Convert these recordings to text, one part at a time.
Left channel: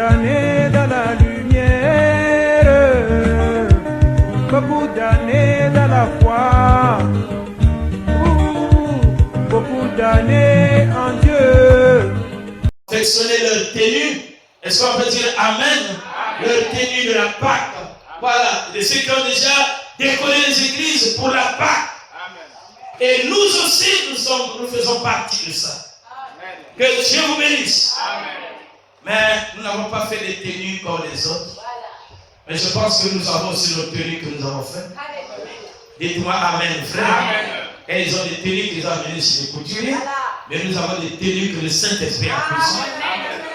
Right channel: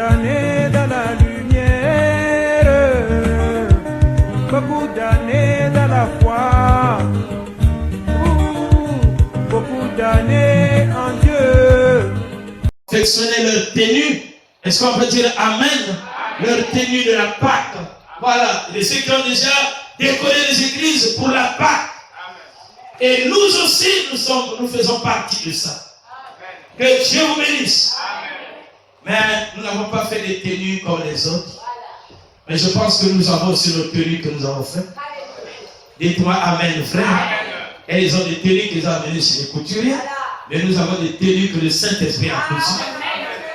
d'années dans la lumière, beaucoup d'années dans la foi, beaucoup d'années en Dieu. Perfectionner leur tenue. Est-ce qu'on peut dire Amen? Leur tenue de la Pâque. Voilà, de ceux qui ont déjà décoré les églises pour la Pâque. Et nous aussi, nous faisons partie de ça. Que Dieu vous bénisse. Mais nous n'avons pas fait des tenues comme les autres. Mais je pense que nous avons aussi nos tenues que nous avons faites. Dites-moi Amen, frère. Et ils ont des tenues qu'ils ont amenées chez les couturiers. Mais nous avons des tenues que le Saint-Esprit a cousues.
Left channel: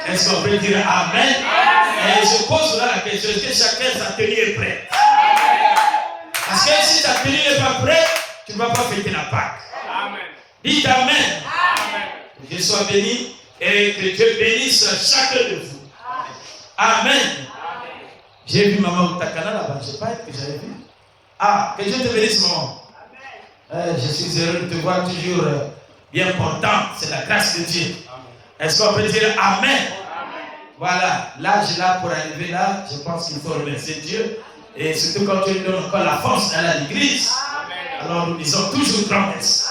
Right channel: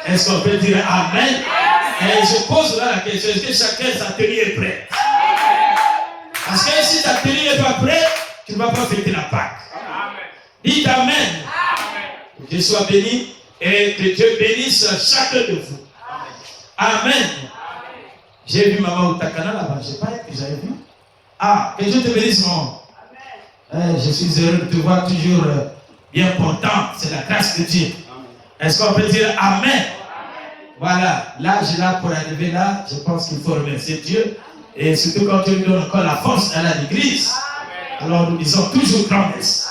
Est-ce qu'on peut dire Amen? Et je pose là la question, est-ce que chacun sa tenue est prête? Parce que si ta tenue n'est pas prête, tu ne vas pas fêter la Pâque. Dites Amen. Que Dieu soit béni et que Dieu bénisse chacun de vous. Amen. J'ai vu maman Outakana là-bas, je ne sais pas que j'avais vu. Ah, que Dieu te bénisse, maman. Je suis heureux de te voir toujours bien portant. C'est la grâce de Dieu. Est-ce qu'on peut dire Amen? Voilà, l'âge là pour arriver là, je pense qu'il faut remercier Dieu. Et surtout quand Dieu lui donne encore la force d'aller à l'église. Alors nous disons toujours grand-messe.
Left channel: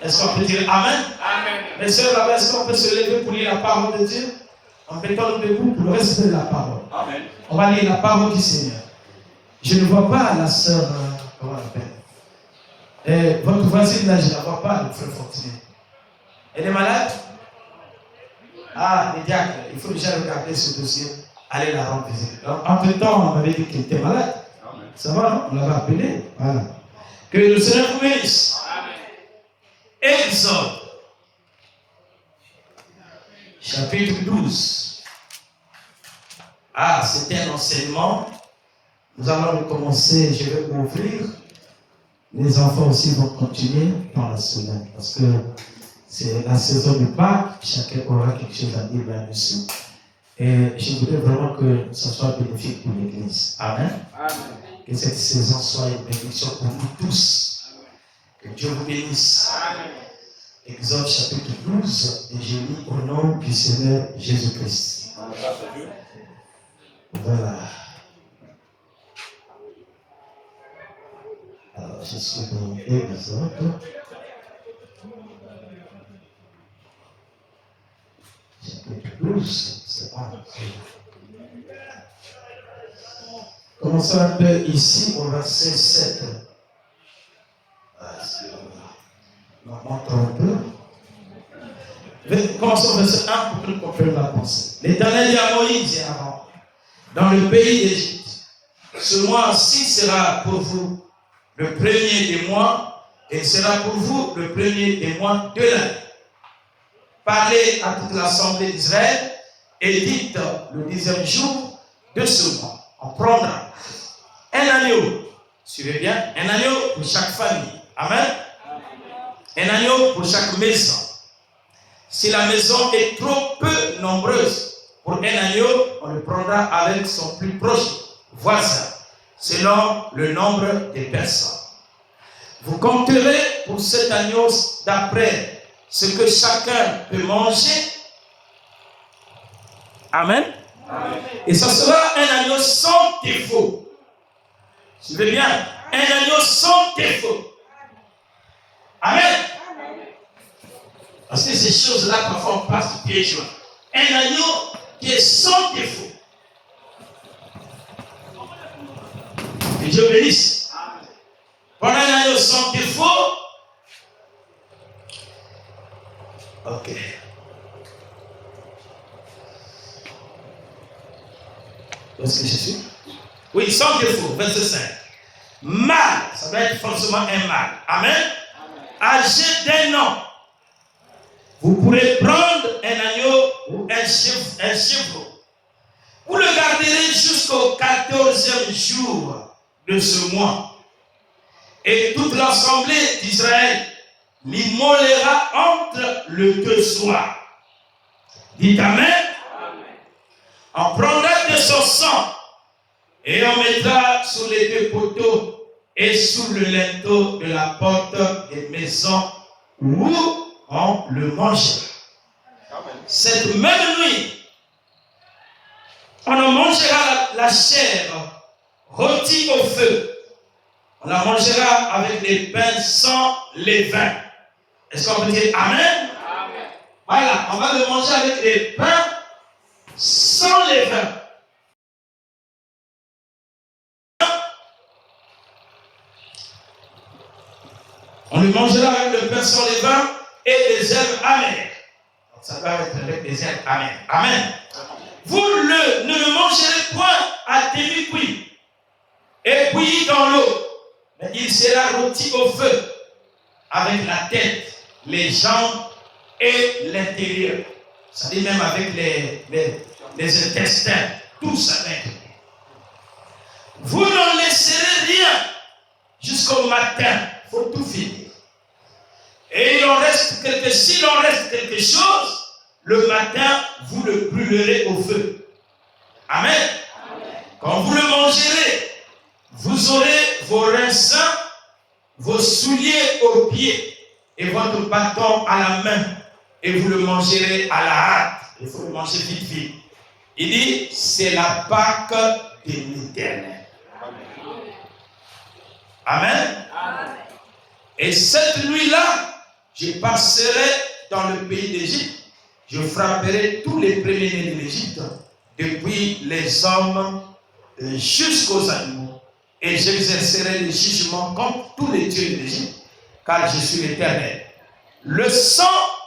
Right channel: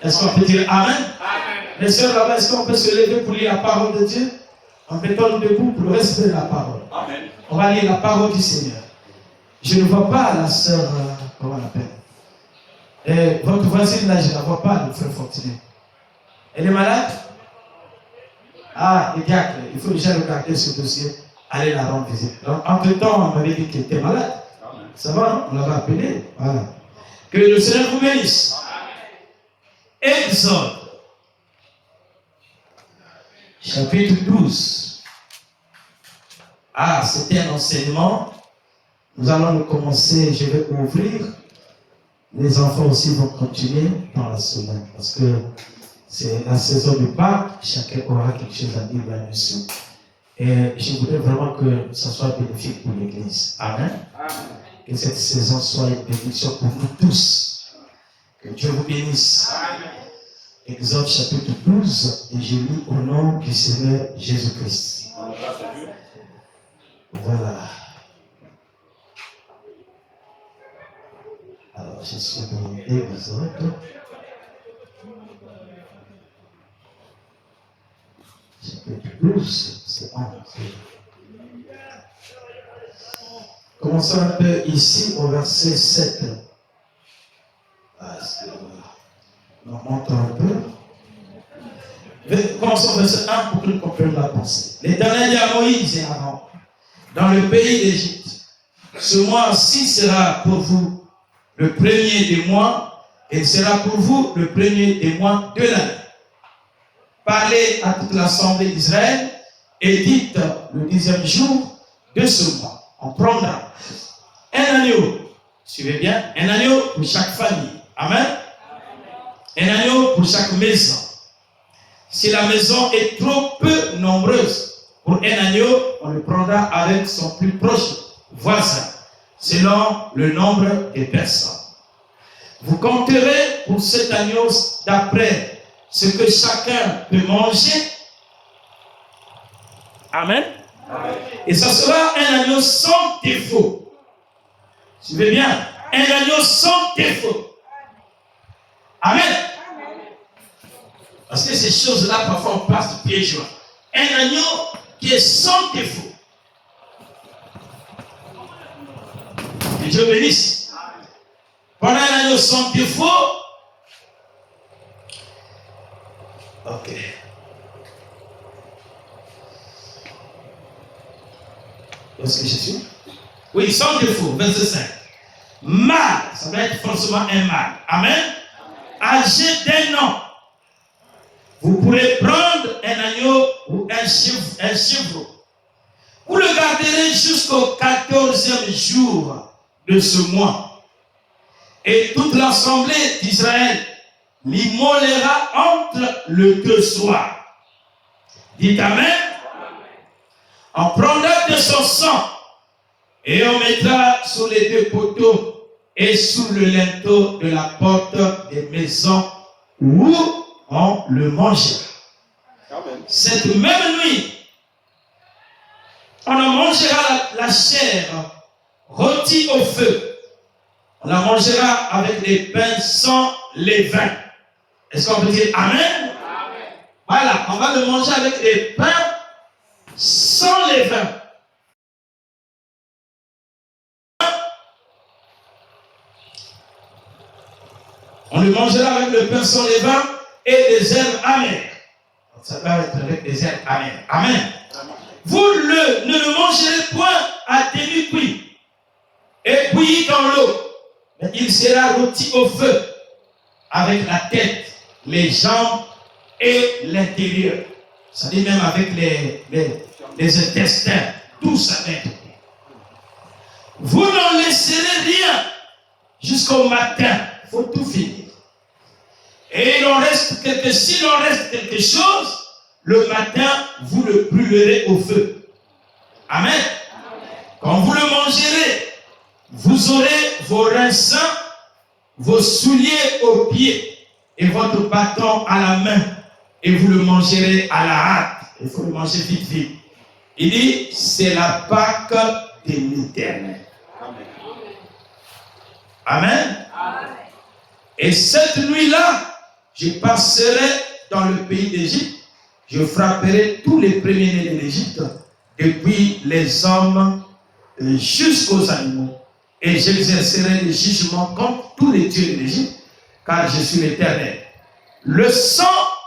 Est-ce qu'on peut dire Amen? Mes soeurs là-bas, est-ce qu'on peut se lever pour lire la parole de Dieu? En mettant nous debout pour le respect de la parole. Amen. On va lire la parole du Seigneur. Je ne vois pas la sœur, comment on l'appelle? Votre voisine là, je ne la vois pas, le frère Fortuné. Elle est malade? Ah, les diacres, il faut déjà regarder ce dossier, aller la rendre visite. Entre-temps, on m'avait dit qu'elle était malade. Amen. Ça va, non? On l'avait appelée. Voilà. Que le Seigneur vous bénisse. Exode, chapitre 12. Ah, c'était un enseignement. Nous allons le commencer, je vais ouvrir. Les enfants aussi vont continuer dans la semaine. Parce que c'est la saison du Pâques, chacun aura quelque chose à dire là-dessus. Et je voudrais vraiment que ça soit bénéfique pour l'Église. Amen. Amen. Que cette saison soit une bénédiction pour nous tous. Que Dieu vous bénisse. Amen. Exode chapitre 12, et je lis au nom du Seigneur Jésus-Christ. Voilà. Alors, je suis dans Exode. Chapitre 12, c'est bon. Commençons un peu ici au verset 7. On monte un peu. Commençons au verset 1 pour que nous comprenions la pensée. L'Éternel dit à Moïse et à Aaron, dans le pays d'Égypte, ce mois-ci sera pour vous le premier des mois, et sera pour vous le premier des mois de l'année. Parlez à toute l'assemblée d'Israël et dites le 10e jour de ce mois. On prendra un agneau, suivez bien, un agneau pour chaque famille. Amen. Un agneau pour chaque maison. Si la maison est trop peu nombreuse pour un agneau, on le prendra avec son plus proche voisin, selon le nombre des personnes. Vous compterez pour cet agneau d'après ce que chacun peut manger. Amen. Amen. Et ça sera un agneau sans défaut. Suivez bien, un agneau sans défaut. Amen. Parce que ces choses-là, parfois, on passe du pied joint. Un agneau qui est sans défaut. Que Dieu bénisse. Voilà un agneau sans défaut. Ok. Où est-ce que je suis? Oui, sans défaut, verset 5. Mâle, ça doit être forcément un mâle. Amen. Âgé d'un an. Vous pourrez prendre un agneau ou un chevreau. Vous le garderez jusqu'au 14e jour de ce mois. Et toute l'assemblée d'Israël l'immolera entre le deux soirs. Dites Amen. On prendra de son sang et on mettra sur les deux poteaux et sous le linteau de la porte des maisons où on le mange. Cette même nuit, On en mangera la chair rôtie au feu. On la mangera avec des pains sans levain. Est-ce qu'on peut dire Amen? Amen. Voilà, on va le manger avec des pains sans levain. On le mangera avec le pain sans levain et des herbes amères. Donc ça doit être avec des herbes amères. Amen. Vous ne le mangerez point à demi-cuit et bouilli dans l'eau, mais il sera rôti au feu avec la tête, les jambes et l'intérieur. Ça dit même avec les intestins, tout ça. Vous n'en laisserez rien jusqu'au matin. Il faut tout finir. Et s'il en reste quelque chose, le matin, vous le brûlerez au feu. Amen. Quand vous le mangerez, vous aurez vos reins sains, vos souliers aux pieds et votre bâton à la main. Et vous le mangerez à la hâte. Il faut le manger vite, vite. Il dit, c'est la Pâque de l'Éternel. Amen. Amen. Et cette nuit-là, je passerai dans le pays d'Égypte. Je frapperai tous les premiers-nés de l'Égypte, depuis les hommes jusqu'aux animaux. Et j'exercerai le jugement contre tous les dieux de l'Égypte, car je suis l'Éternel. Le sang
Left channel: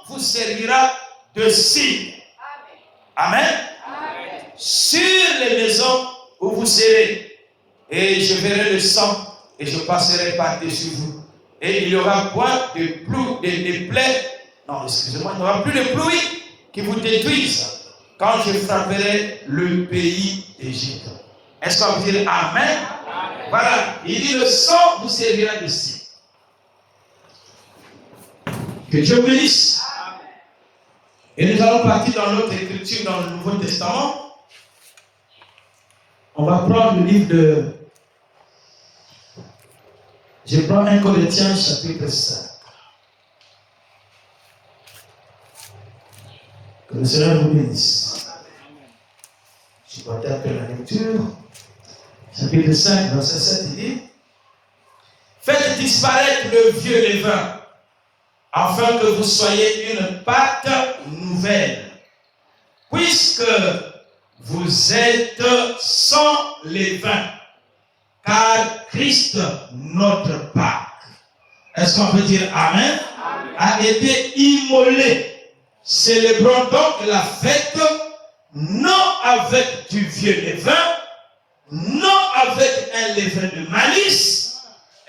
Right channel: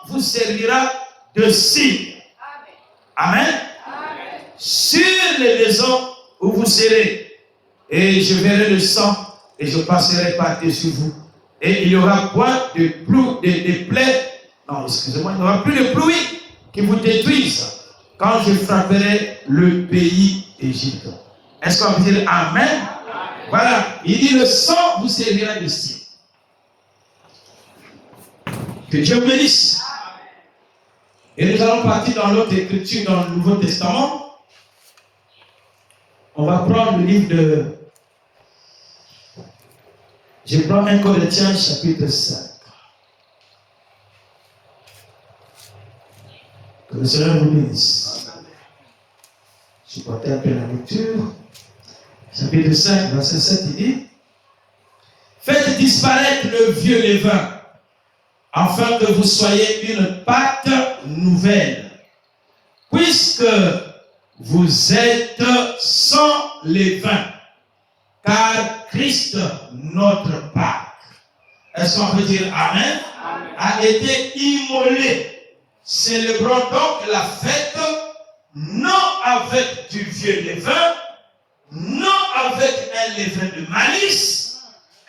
vous servira de signe. Amen. Amen. Sur les maisons où vous serez. Et je verrai le sang et je passerai par-dessus vous. Et il n'y aura point de plaies. Non, excusez-moi, il n'y aura plus de pluie qui vous détruisent quand je frapperai le pays d'Égypte. Est-ce qu'on peut dire Amen? Amen? Voilà, il dit le sang vous servira de signe. Que Dieu vous bénisse. Et nous allons partir dans l'autre écriture dans le Nouveau Testament. On va prendre le livre de... Je prends 1 Corinthiens chapitre 5. Que le Seigneur vous bénisse. Je porte un peu la lecture. Chapitre 5, verset 7, il dit: faites disparaître le vieux levain, afin que vous soyez une pâte nouvelle, puisque vous êtes sans levain, car Christ, notre Pâque, est-ce qu'on peut dire Amen? Amen, a été immolé. Célébrons donc la fête, non avec du vieux levain, non avec un levain de malice,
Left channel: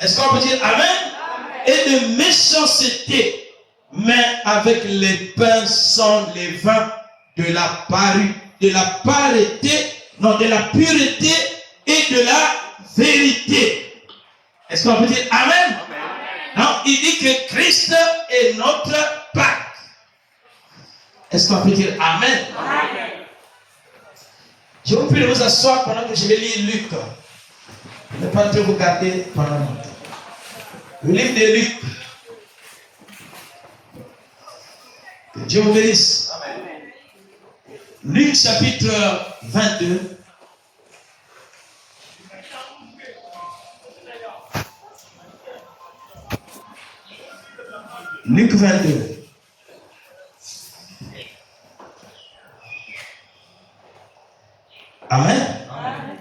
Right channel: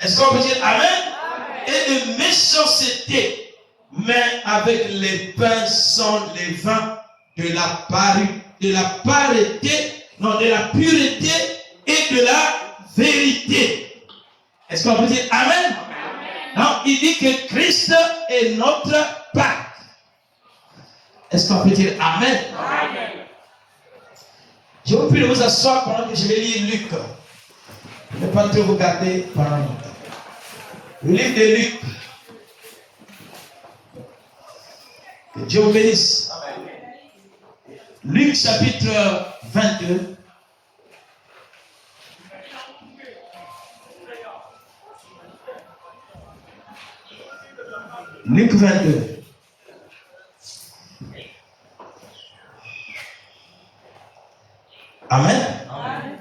est-ce qu'on peut dire Amen? Amen, et de méchanceté, mais avec les pains sans levain de la pureté et de la vérité. Est-ce qu'on peut dire Amen? Amen? Non, il dit que Christ est notre Pâque. Est-ce qu'on peut dire Amen? Amen. Je vous prie de vous asseoir pendant que je vais lire Luc. Ne pas trop vous garder pendant longtemps. Le livre de Luc. Que Dieu vous bénisse. Amen. Luc chapitre 22. Luc 22. Amen. Amen.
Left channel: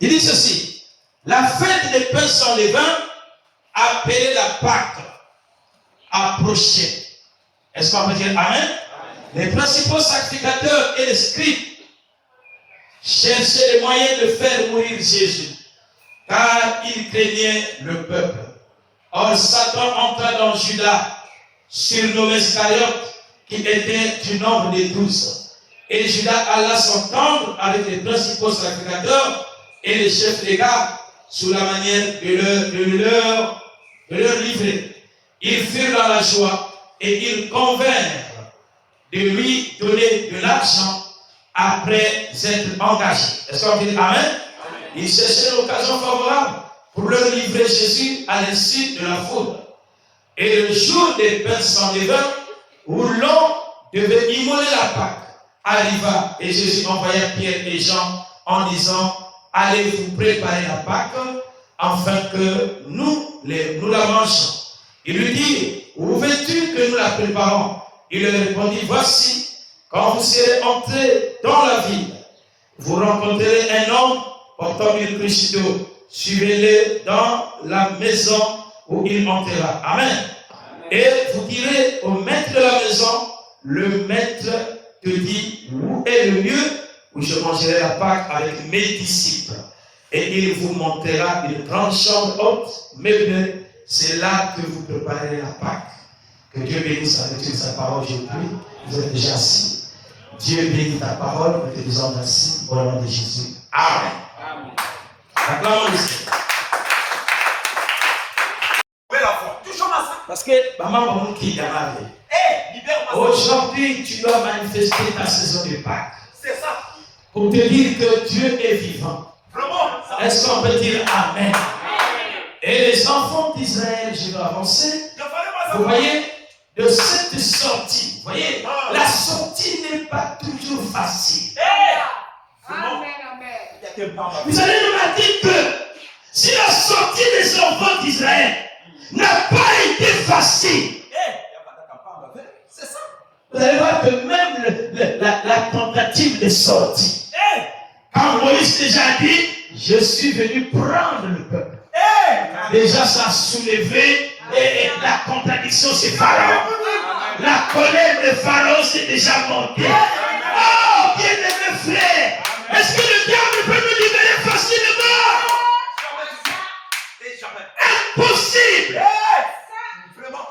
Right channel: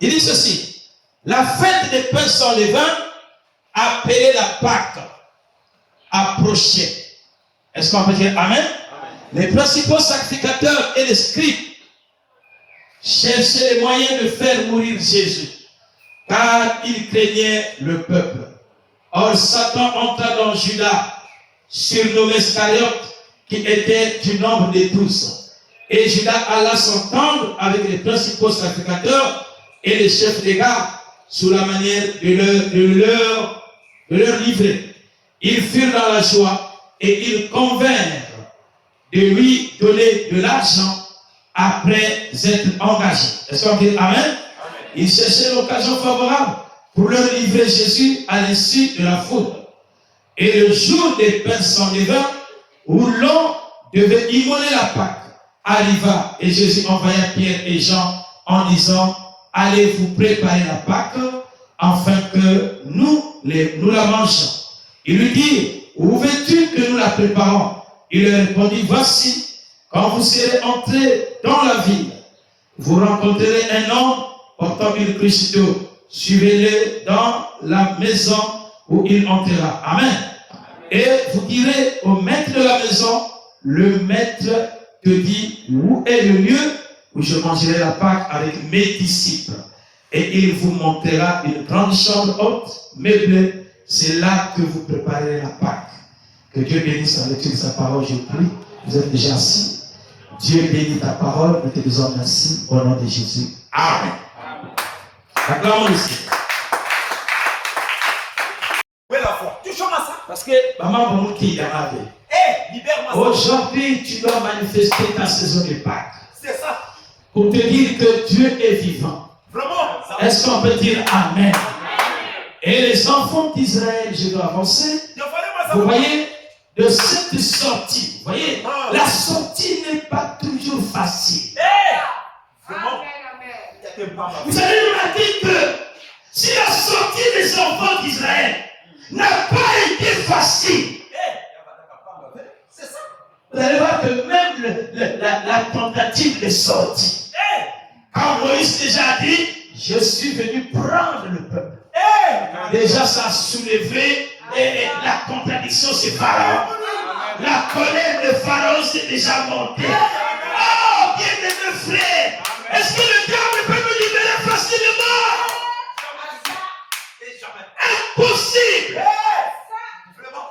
Il dit ceci: la fête des pains sans levain, appelée la Pâque, approchait. Est-ce qu'on peut dire Amen? Amen. Les principaux sacrificateurs et les scribes cherchaient les moyens de faire mourir Jésus, car ils craignaient le peuple. Or, Satan entra dans Judas, surnommé Iscariote, qui était du nombre des 12. Et Judas alla s'entendre avec les principaux sacrificateurs et les chefs des gardes sous la manière de leur livrer. Ils furent dans la joie et ils convinrent de lui donner de l'argent après être engagés. Est-ce qu'on dit Amen? Amen. Ils cherchaient l'occasion favorable pour leur livrer Jésus à l'insu de la foule. Et le jour des pains sans levain, où l'on devait immoler la Pâque, arriva et Jésus envoya Pierre et Jean en disant, allez vous préparer la Pâque afin que nous la mangeons. Il lui dit, où veux-tu que nous la préparons? Il leur répondit, voici, quand vous serez entrés dans la ville, vous rencontrerez un homme portant une cruche d'eau. Suivez-le dans la maison où il entrera. Amen. Et vous direz au maître de la maison, le maître te dit, où est le lieu où je mangerai la Pâque avec mes disciples? Et il vous montrera une grande chambre haute, meublée. C'est là que vous préparez la Pâque. Que Dieu bénisse la lecture de sa parole, je prie. Vous êtes déjà assis. Dieu bénit ta parole, nous te disons merci au nom de Jésus. Amen. Acclamons le Seigneur. Où est la foi? Toujours à ça. Parce que maman qui est dans ma vie. Libère-moi. Aujourd'hui, tu dois manifester ta saison de Pâques. C'est ça. Pour te dire que Dieu est vivant. Vraiment. Est-ce qu'on peut dire Amen? Et les enfants d'Israël, je dois avancer. Vous voyez, de cette sortie, vous voyez, la sortie n'est pas toujours facile. Vous allez remarquer que si la sortie des enfants d'Israël n'a pas été facile, C'est ça. vous allez voir que même la tentative de sortie, quand Moïse déjà dit, je suis venu prendre le peuple. Déjà ça a soulevé et la contradiction c'est Pharaon. La colère de Pharaon s'est déjà montée. Oh, bien-aimés frères, est-ce que le diable peut nous libérer facilement? Impossible. Vraiment.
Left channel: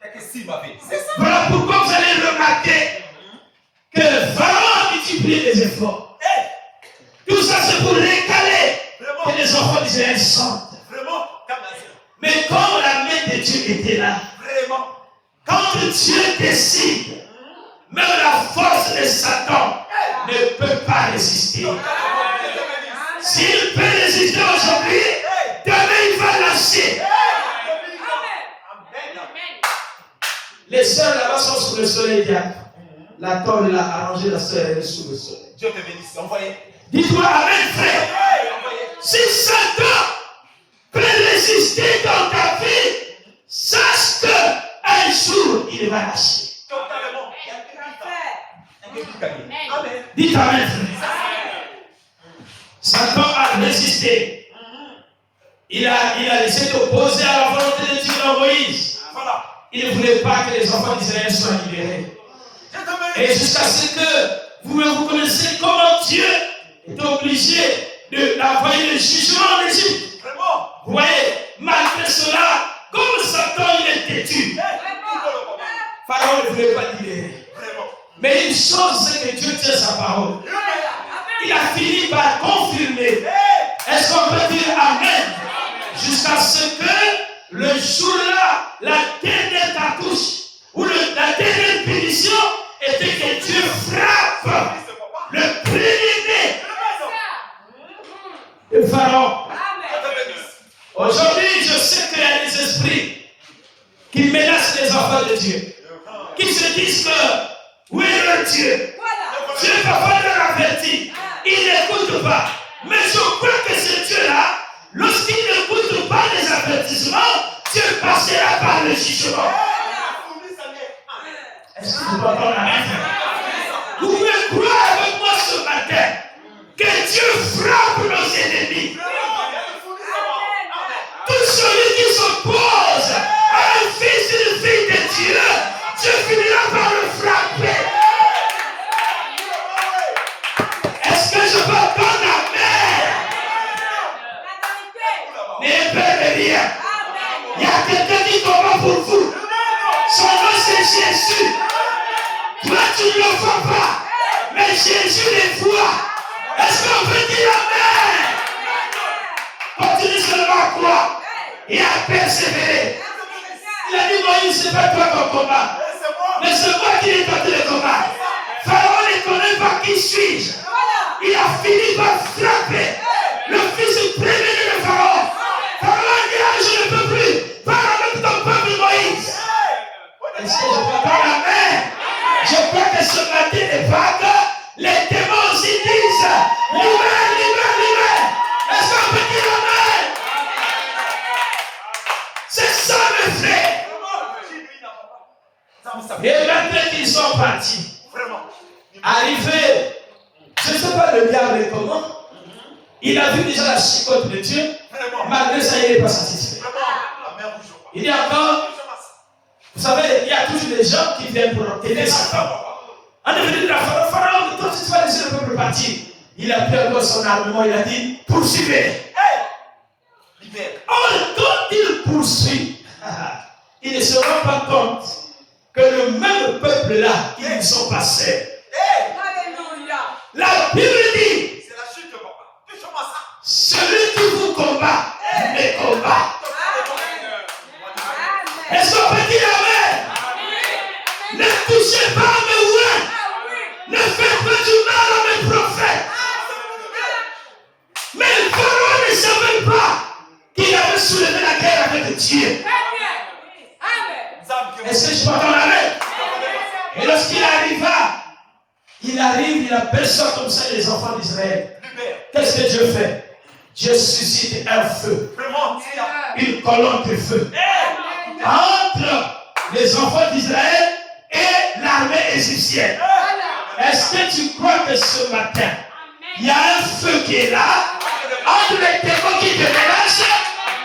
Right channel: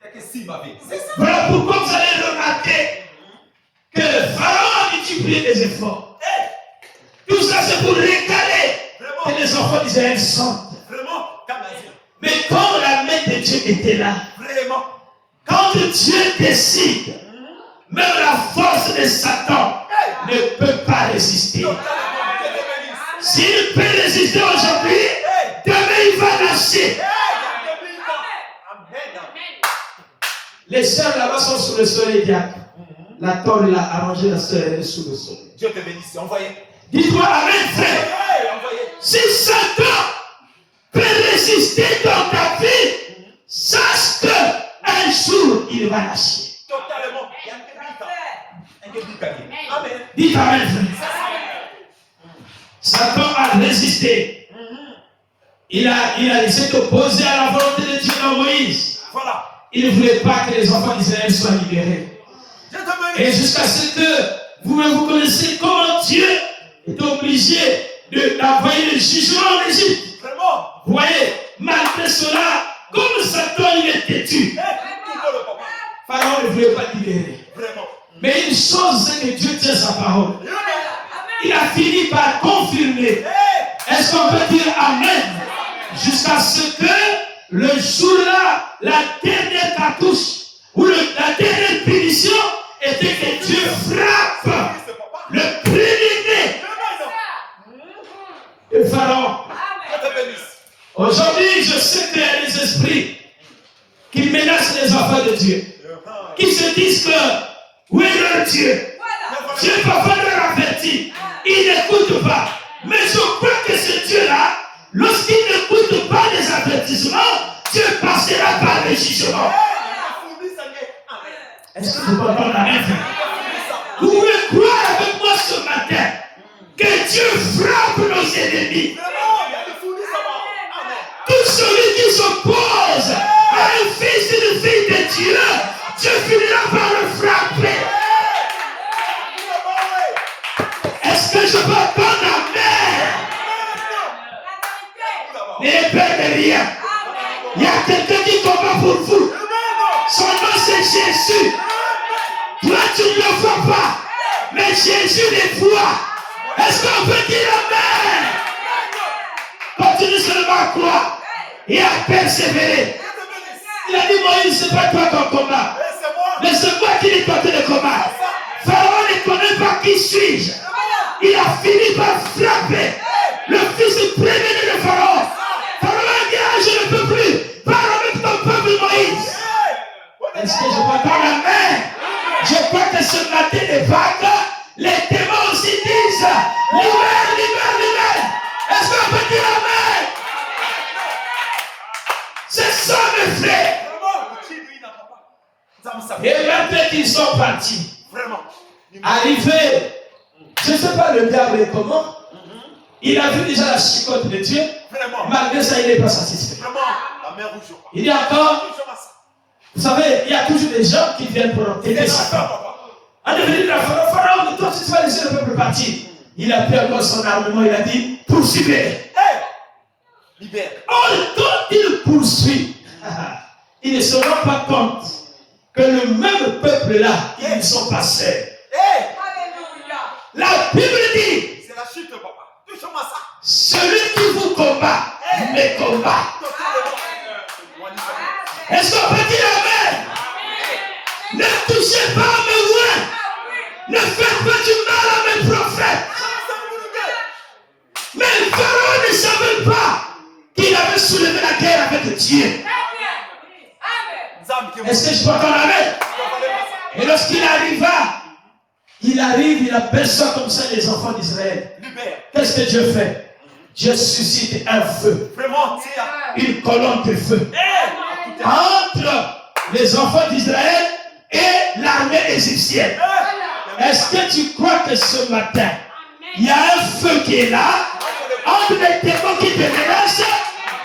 C'est que si ma vie. Voilà pourquoi vous allez remarquer que Pharaon multiplie les efforts. Tout ça c'est pour récaler que les enfants d'Israël sortent. Vraiment. Mais quand la main de Dieu était là, Vraiment. quand Dieu décide, même la force de Satan ne peut pas résister. S'il peut résister aujourd'hui, demain il va lâcher. Les sœurs là-bas sont sous le soleil diacre. La tôle l'a arrangé, la sœur est sous le soleil. Dieu te bénisse. Envoyez. Dis-toi Amen, frère. Si Satan peut résister dans ta vie, sache qu'un jour il va lâcher. Totalement. Amen. Dites Amen, frère. Satan a résisté. Il a essayé d'opposer à la volonté de Dieu dans Moïse. Voilà. Il ne voulait pas que les enfants d'Israël soient libérés. Et jusqu'à ce que vous-même vous connaissez comment Dieu est obligé d'envoyer le jugement en Égypte. Vraiment. Vous voyez, malgré cela, comme Satan il est têtu, Pharaon ne voulait pas libérer. Vraiment. Mais une chose, c'est que Dieu tient sa parole. Il a fini par confirmer. Est-ce qu'on peut dire Amen? Jusqu'à ce que le jour-là, la dernière cartouche, ou la dernière punition, était que Dieu frappe le premier-né de Pharaon. Aujourd'hui, je sais qu'il y a des esprits qui menacent les enfants de Dieu, qui se disent que, où est leur Dieu? Dieu parfois leur avertit, ils n'écoutent pas. Mais je crois que ce Dieu-là, lorsqu'il n'écoute pas les avertissements, Dieu passera par le jugement. Est-ce que vous comprenez la main? Vous pouvez croire avec moi ce matin que Dieu frappe nos ennemis. Tout celui qui s'oppose à un fils et une fille de Dieu, Dieu finira par le frapper. Est-ce que je peux entendre Amen? N'ayez peur de rien. Il y a quelqu'un qui combat pour vous. Son nom c'est Jésus. Toi tu ne le vois pas, mais Jésus les voit. Est-ce qu'on peut dire Amen? Continue seulement à croire et à persévérer. Il a dit Moïse, c'est pas toi ton combat, mais c'est moi qui ai porté le combat. Pharaon ne connaît pas qui suis-je. Il a fini par frapper le fils premier de Pharaon. Pharaon a dit, je ne peux plus. Parle avec ton peuple Moïse. Est-ce que je peux entendre Amen? Je crois que ce matin les vagues Les démons aussi disent, libère, libère, libère. Est-ce qu'on peut dire amen? C'est ça, mes frères. Et maintenant qu'ils sont partis, arrivés, je ne sais pas le diable est comment, il a vu déjà la chicote de Dieu, malgré ça, il n'est pas satisfait. Il dit encore, vous savez, il y a toujours des gens qui viennent pour aider Satan. En devenir la Pharaon, toi, tu vas laisser le peuple partir. Il a pris encore son armement, il a dit, poursuivez. Or, quand il poursuit, il ne se rend pas compte que le même peuple-là, ils ne sont pas seuls. La Bible dit, C'est la chute, papa. Touche-moi ça. celui qui vous combat, me combat. Est-ce qu'on peut dire amen? Ne touchez pas à mes ouins. Ne faites pas du mal à mes prophètes. Mais le Pharaon ne savait pas qu'il avait soulevé la guerre avec Dieu. Est-ce que je peux entendre amen? Et lorsqu'il arriva, il appelle ça comme ça les enfants d'Israël. Qu'est-ce que Dieu fait? Dieu suscite un feu, une colonne de feu entre les enfants d'Israël et l'armée égyptienne. Est-ce que tu crois que ce matin, il y a un feu qui est là, entre les démons qui te menacent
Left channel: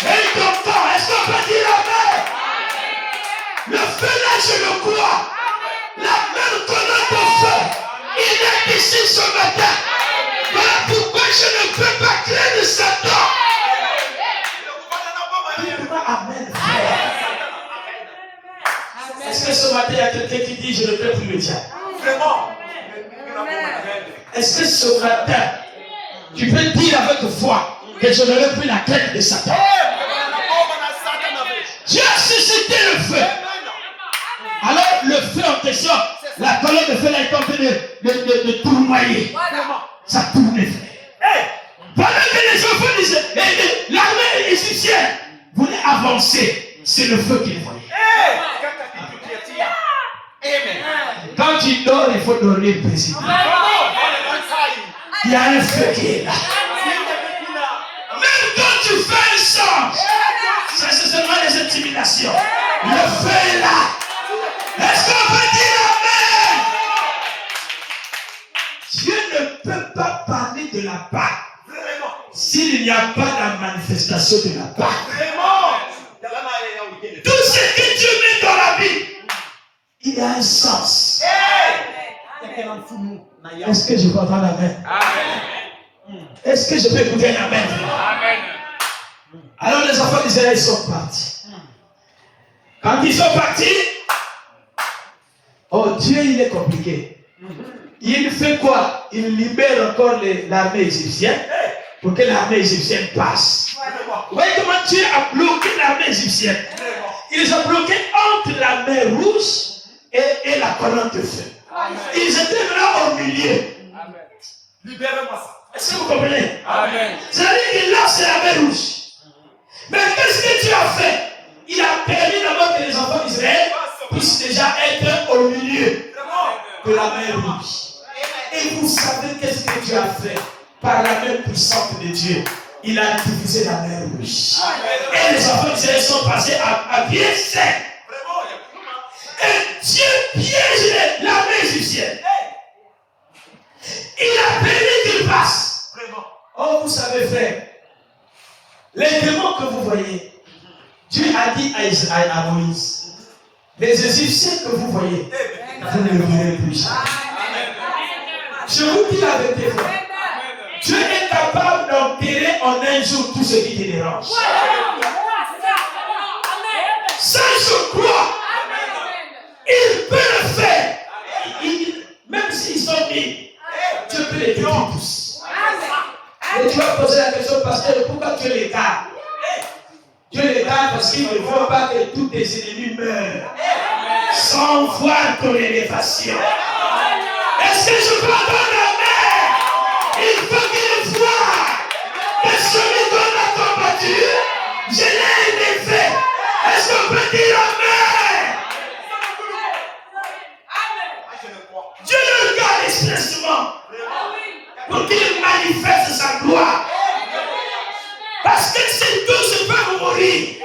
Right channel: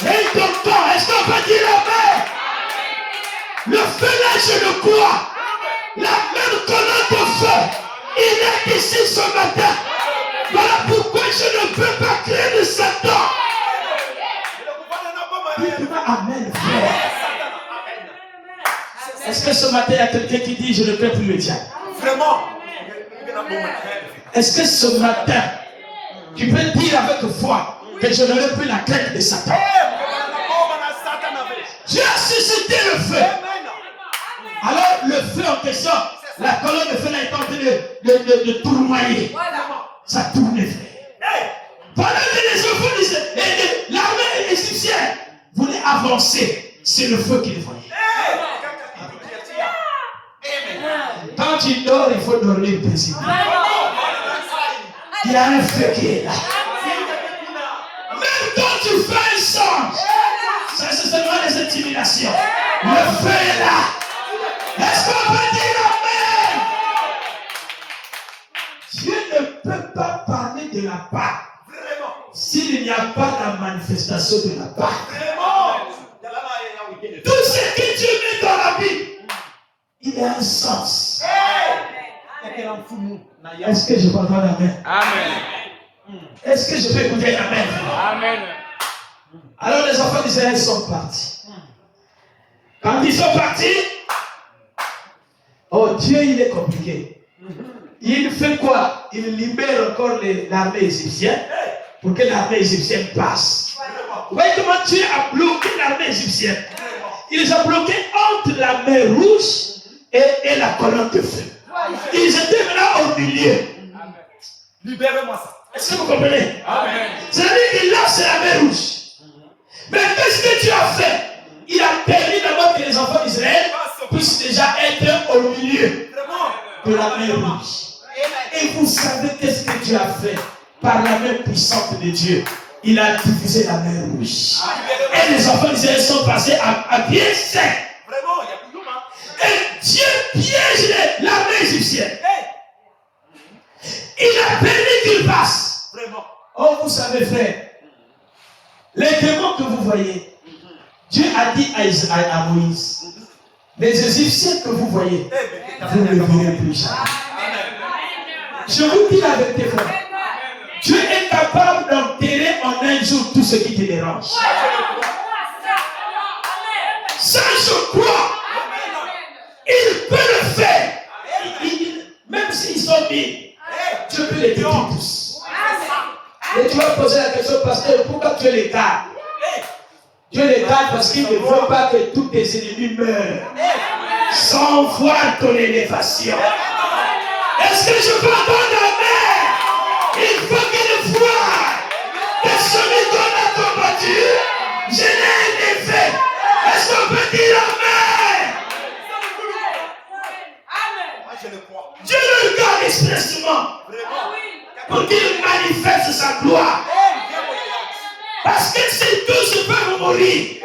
et ton corps? Est-ce qu'on peut dire amen? Le feu là, je le crois. La même colonne de feu, il est ici ce matin. Voilà pourquoi je ne peux pas créer de Satan. Dis-moi amen, frère. Est-ce que ce matin, il y a quelqu'un qui dit, je ne peux plus le diable? Vraiment. Est-ce que ce matin, tu peux dire avec foi que je n'aurai plus la crainte de Satan? Dieu a suscité le feu. Alors, le feu en question, la colonne de feu là est en train de tournoyer. Ça tourne, frère. Pendant que les enfants disaient, l'armée égyptienne voulait avancer, c'est le feu qu'ils voyaient. Quand tu dors, il faut dormir paisiblement. Il y a un feu qui est là. Même quand tu fais un songe, ça c'est seulement des intimidations. Le feu est là. Est-ce qu'on peut dire amen? Dieu ne peut pas parler de la Pâque s'il n'y a pas la manifestation de la Pâque. Tout ce que Dieu met dans la vie, il a un sens. Est-ce que je peux entendre amen? Est-ce que je peux écouter un amen? Alors les enfants d'Israël sont partis. Quand ils sont partis, oh Dieu, il est compliqué. Il fait quoi? Il libère encore l'armée égyptienne pour que l'armée égyptienne passe. Vous voyez comment Dieu a bloqué l'armée égyptienne? Il les a bloqués entre la mer Rouge et la colonne de feu. Ils étaient là au milieu. Libérez-moi ça. Est-ce que vous comprenez? C'est-à-dire qu'il lance la mer Rouge. Mais qu'est-ce que Dieu a fait? Il a permis d'abord que les enfants d'Israël puissent déjà être au milieu de la mer Rouge. Et vous savez qu'est-ce que Dieu a fait? Par la main puissante de Dieu, il a divisé la mer Rouge. Et les enfants d'Israël sont passés à pied sec. Et Dieu piège l'armée égyptienne. Il a permis qu'il passe. Oh, vous savez faire. Les démons que vous voyez, Dieu a dit à Moïse, les Égyptiens que vous voyez, vous ne verrez plus jamais. Je vous dis la vérité, frère. Dieu est capable d'enterrer en un jour tout ce qui te dérange. Ça, je crois. Il peut le faire. Même s'ils sont mis, Dieu peut les détruire tous. Et tu vas poser la question, pasteur, pourquoi Dieu les garde? Dieu les garde parce qu'il ne veut pas que tous tes ennemis meurent sans voir ton élévation. Est-ce que je peux entendre la main? Il faut qu'il voie que celui qu'on a combattu, je l'ai élevé. Est-ce qu'on peut dire amen? Dieu le garde expressement pour qu'il manifeste sa gloire. Parce que c'est tous peuvent mourir.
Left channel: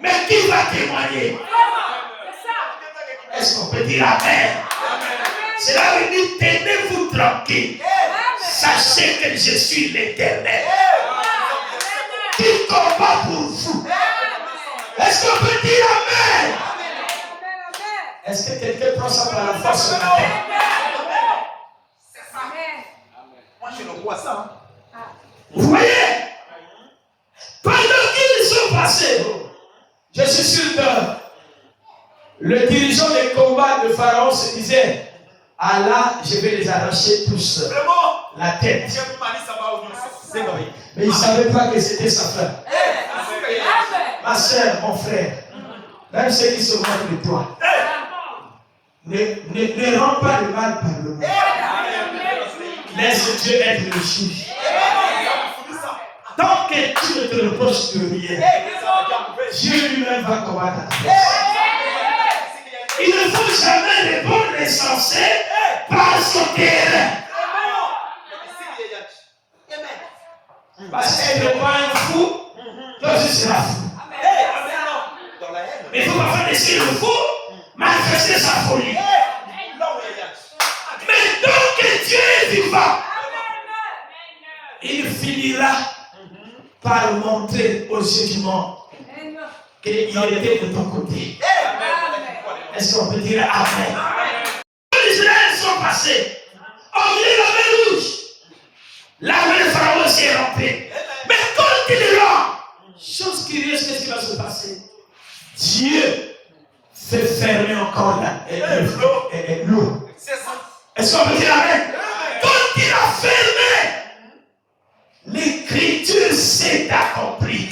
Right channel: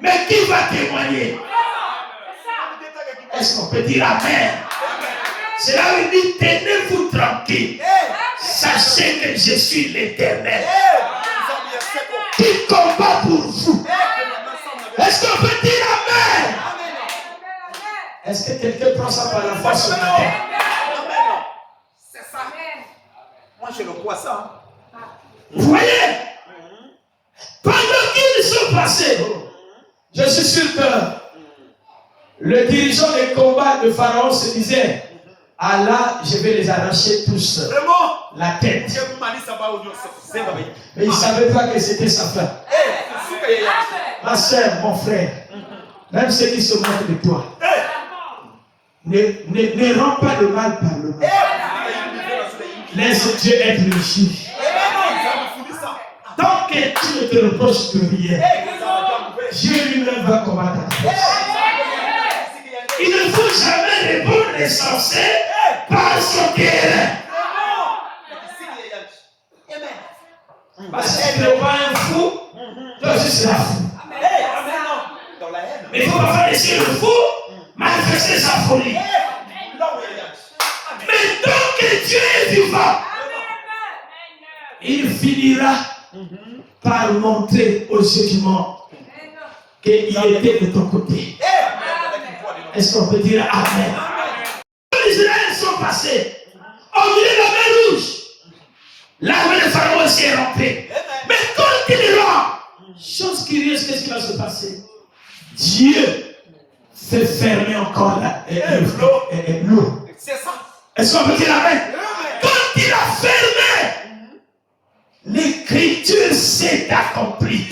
Mais qui va témoigner? Est-ce qu'on peut dire Amen? Cela veut dire, tenez-vous tranquille. Sachez que je suis l'Éternel qui combat pour vous. Est-ce qu'on peut dire Amen? Est-ce que quelqu'un prend ça par la foi ce matin? C'est ça. Moi, je le vois ça. Vous voyez? Pendant qu'ils sont passés, je suis sûr que le dirigeant des combats de Pharaon se disait, Allah, je vais les arracher tous. Vraiment? La tête. Mais il ne savait pas que c'était sa femme. Ma soeur, mon frère, même ceux qui se moquent de toi, ne rends pas le mal par le mal. Laisse Dieu être le juge. Tant que tu ne te reproches de rien, Dieu lui-même va combattre ta cause. Il ne faut jamais répondre l'essentiel par son terrain. Parce qu'elle n'est pas un fou, toi tu seras fou. Mais il faut parfois laisser le fou manifester sa folie. Mais tant que Dieu est vivant, il finira par montrer aux yeux du monde qu'il était de ton côté. Est-ce qu'on peut dire Amen? Les Israéliens sont passés au milieu de la mer Rouge. L'armée de Pharaon s'est rompue. Mais quand il rentre, chose curieuse, qu'est-ce qui va se passer? Dieu fait fermer encore l'eau. Est-ce qu'on peut dire Amen? Quand il a fermé, l'écriture s'est accomplie.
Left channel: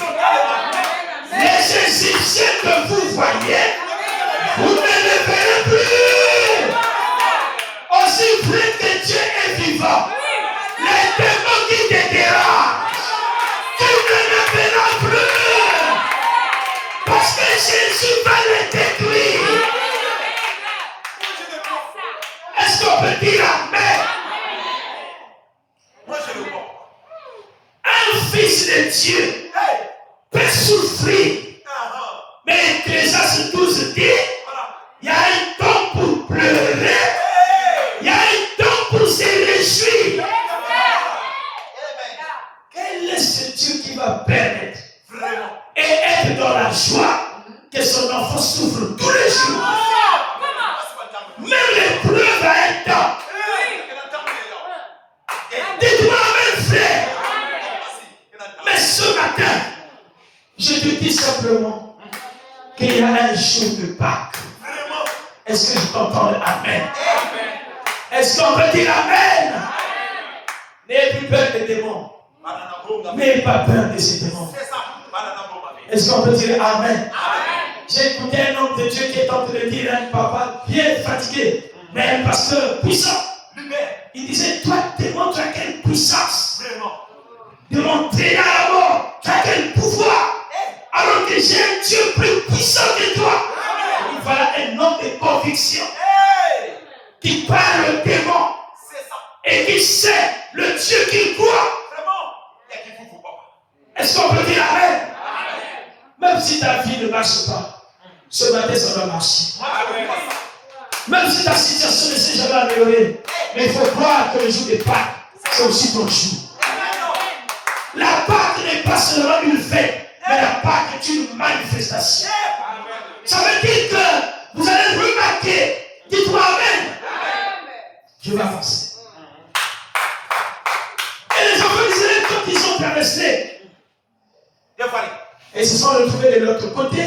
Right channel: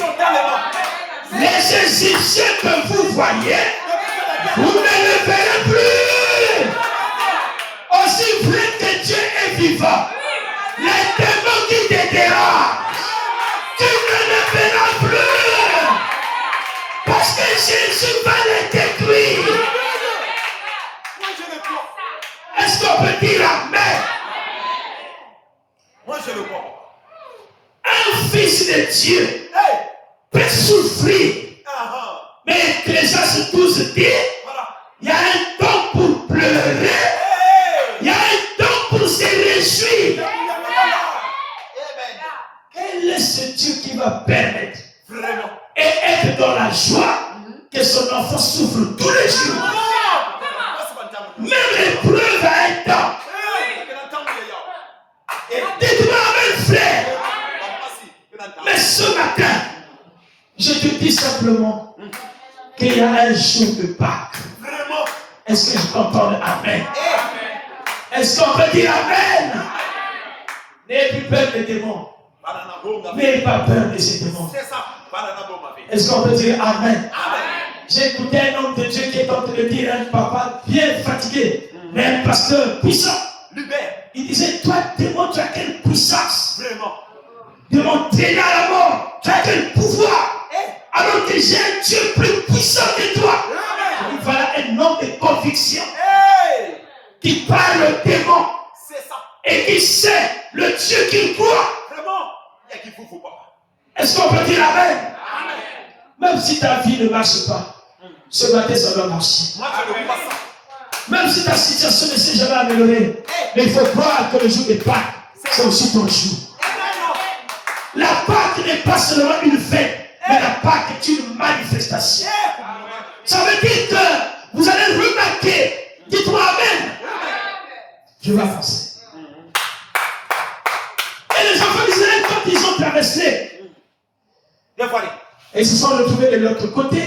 Les Égyptiens que vous voyez, vous ne les verrez plus. Aussi vrai que Dieu est vivant, les démons qui te dérangent, tu ne les verras plus. Parce que Jésus va les détruire. Est-ce qu'on peut dire Amen? Moi, je le vois. Un fils de Dieu peut souffrir. Mais Ecclésiaste 12 dit, il y a un temps pour pleurer, il y a un temps pour se réjouir. Quel est ce Dieu qui va permettre et être dans la joie que son enfant souffre tous les jours? Même l'épreuve a un temps. Dites-moi Amen, frère. Mais ce matin, je te dis simplement qu'il y a un jour de Pâques. Est-ce que je t'entends? Amen. Est-ce qu'on peut dire Amen? N'ayez plus peur des démons. N'ayez pas peur de ces démons. Est-ce qu'on peut dire Amen? J'ai écouté un homme de Dieu qui est en train de dire à un papa bien fatigué, mais un pasteur puissant. Il disait, toi, démon, tu as quelle puissance? De m'entraîner à la mort. Tu as quel pouvoir? Alors que j'ai un Dieu plus puissant que toi. Et voilà un homme de conviction qui parle au démon et qui sait le Dieu qu'il croit. Est-ce qu'on peut dire Amen? Même si ta vie ne marche pas, ce matin ça doit marcher. Même si ta situation ne s'est jamais améliorée, mais il faut croire que le jour de Pâques, c'est aussi ton jour. La Pâque n'est pas seulement une fête, mais la Pâque est une manifestation. Ça veut dire que vous allez remarquer, dites-moi Amen. Je vais avancer. Et les enfants d'Israël, quand ils ont traversé, et se sont retrouvés de l'autre côté,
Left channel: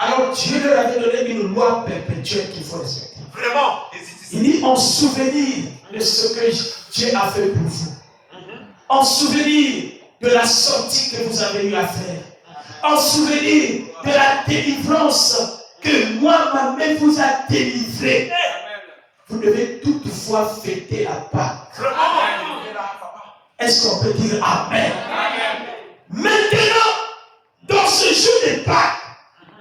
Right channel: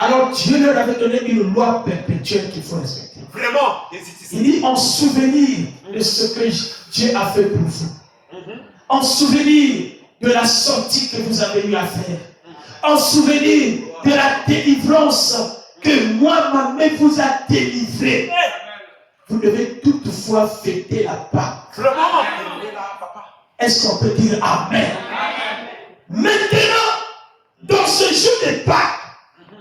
alors Dieu leur avait donné une loi perpétuelle qu'il faut respecter. Il dit en souvenir de ce que Dieu a fait pour vous. En souvenir de la sortie que vous avez eu à faire. En souvenir de la délivrance que moi, ma mère vous a délivré. Vous devez toutefois fêter la Pâque. Est-ce qu'on peut dire Amen? Maintenant, dans ce jour de Pâques,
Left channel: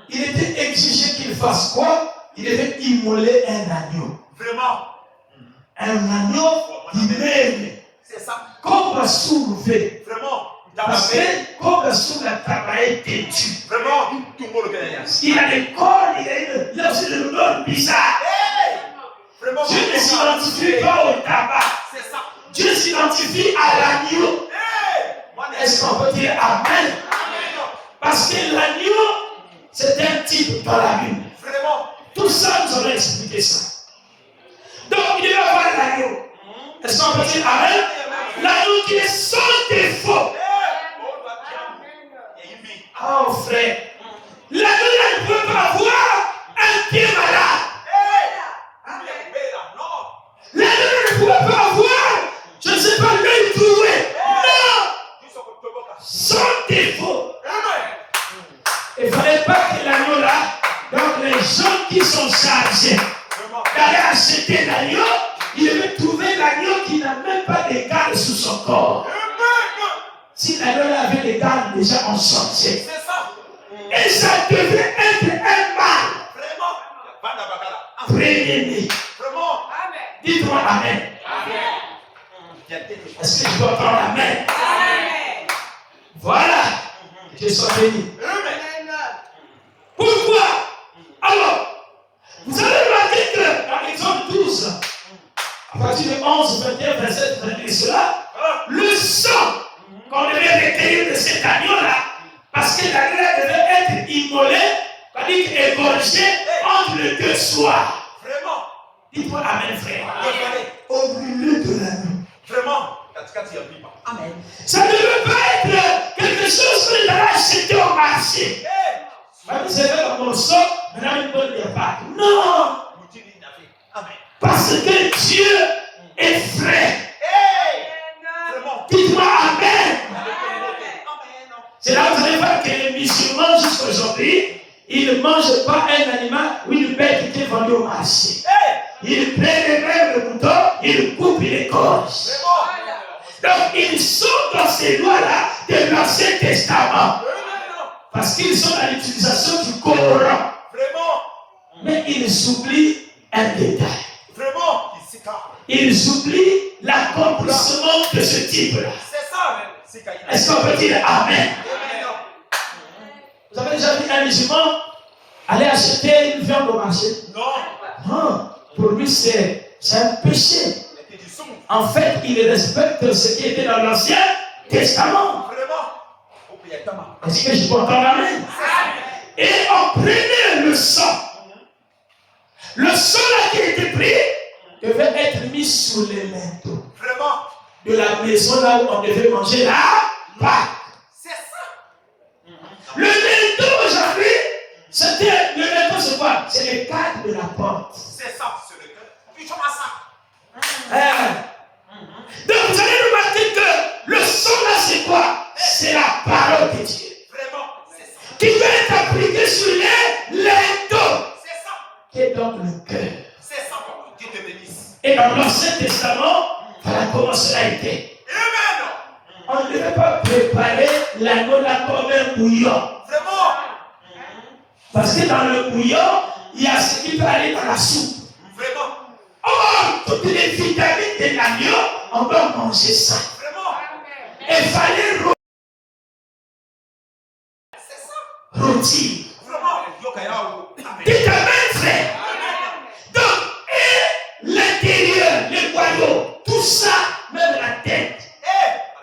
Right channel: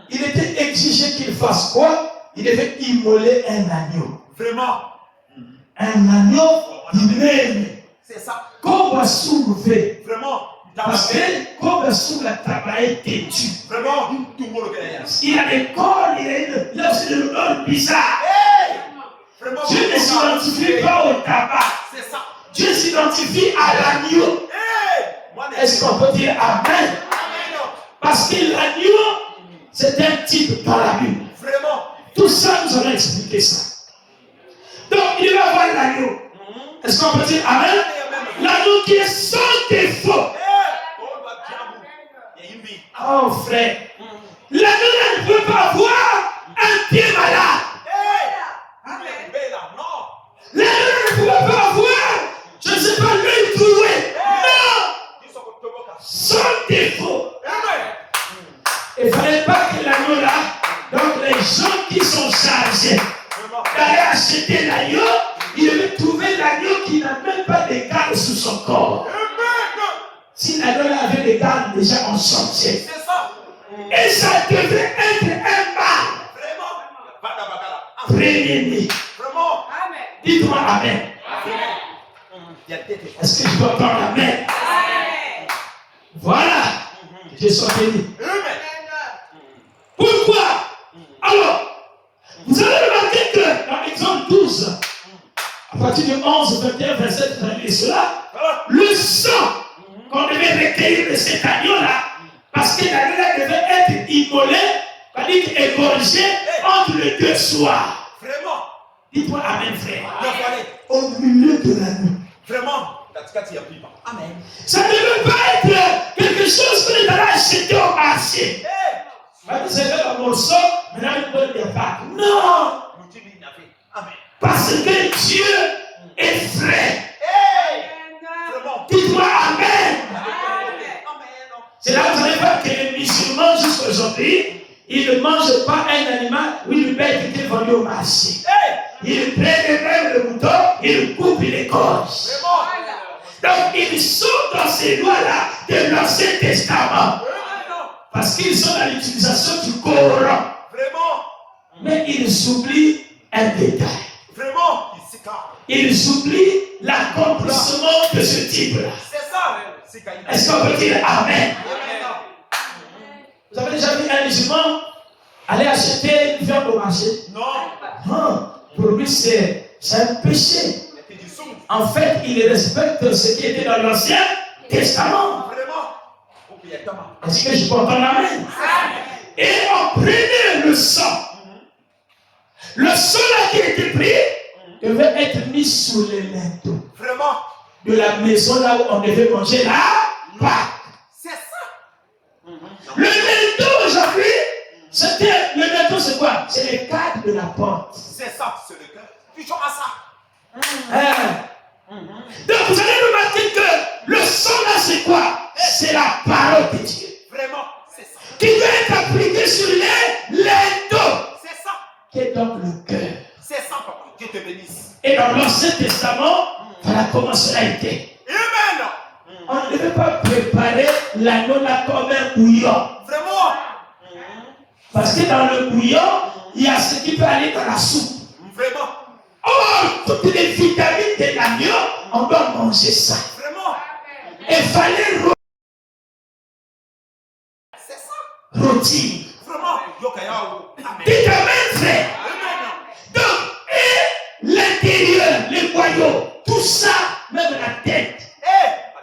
il était exigé qu'il fasse quoi? Il devait immoler un agneau. un agneau qui m'aime. C'est ça. Comme soulevé. Vraiment. Parce que comme sous la travail têtu. Vraiment. Tout le monde gagne. Il a des corps, il a aussi des odeurs bizarres. Vraiment. Dieu ne s'identifie pas au tabac. C'est ça. Dieu s'identifie à l'agneau. Est-ce qu'on peut dire Amen? Parce que l'agneau, c'est un type dans la Bible. Vraiment. Tout ça, nous allons expliquer ça. Donc, il va voir l'agneau. Est-ce qu'on peut dire Amen? L'agneau qui est sans défaut. Oh frère, l'agneau ne pouvait pas avoir un pied malade. L'agneau ne pouvait pas avoir, je ne sais pas, l'œil troué. Non! Sans défaut. Il ne fallait pas que l'agneau là, donc les gens qui sont chargés d'aller acheter l'agneau, ils devaient trouver l'agneau qui n'a même pas de garde sous son corps. Si l'agneau là avait des gardes déjà en chantier. Et ça devait être un mâle. Premier-né. Dites-moi Amen. Est-ce que je peux entendre Amen? Voilà. Que Dieu soit béni. Pourquoi? Alors, vous avez remarqué que dans Exode 12, à partir de 11, 21, 27, vous avez vu cela, le sang qu'on devait recueillir de cet agneau-là, parce que l'agneau devait être immolé, c'est-à-dire égorgé entre les deux soirs. Vraiment. Dites-moi Amen, frère. Au milieu de la nuit. Vraiment. Amen. Ça ne devait pas être quelque chose que les allait acheter au marché. Vous savez le morceau, maintenant il peut le pas. Non. Parce que Dieu est vrai. Dites-moi Amen. C'est là que vous allez voir que les musulmans jusqu'à aujourd'hui, ils ne mangent pas un animal ou une bête qui est vendue au marché. Ils prennent même le mouton, ils le coupent, ils l'égorgent. Donc ils sont dans ces lois-là de l'Ancien Testament. Parce qu'ils sont dans l'utilisation du Coran. Mais ils oublient un détail. Ils oublient l'accomplissement de ce type-là. Est-ce qu'on peut dire Amen? Vous avez déjà vu un musulman aller acheter une viande au marché? Non. Pour lui, c'est un péché. En fait, il respecte ce qui était dans l'Ancien Testament. Est-ce que je peux entendre Amen? Et on prenait le sang. Le sang là qui était pris devait être mis sous les linteaux de la maison là où on devait manger la Pâque. Le linteau aujourd'hui, c'était le linteau, c'est quoi? C'est le cadre de la porte. Donc vous allez remarquer que le sang là, c'est quoi? C'est la parole de Dieu. Qui doit être appliquée sur les linteaux. Qui est donc le cœur. Dieu te bénisse. Et dans l'Ancien Testament, voilà comment cela était. On ne devait pas préparer l'agneau là comme un bouillon. Parce que dans le bouillon, il y a ce qui peut aller dans la soupe. Or, toutes les vitamines de l'agneau, on doit manger ça. Et il fallait rôtir. Dites Amen, frère. Donc, et l'intérieur, les boyaux, tout ça, même la tête,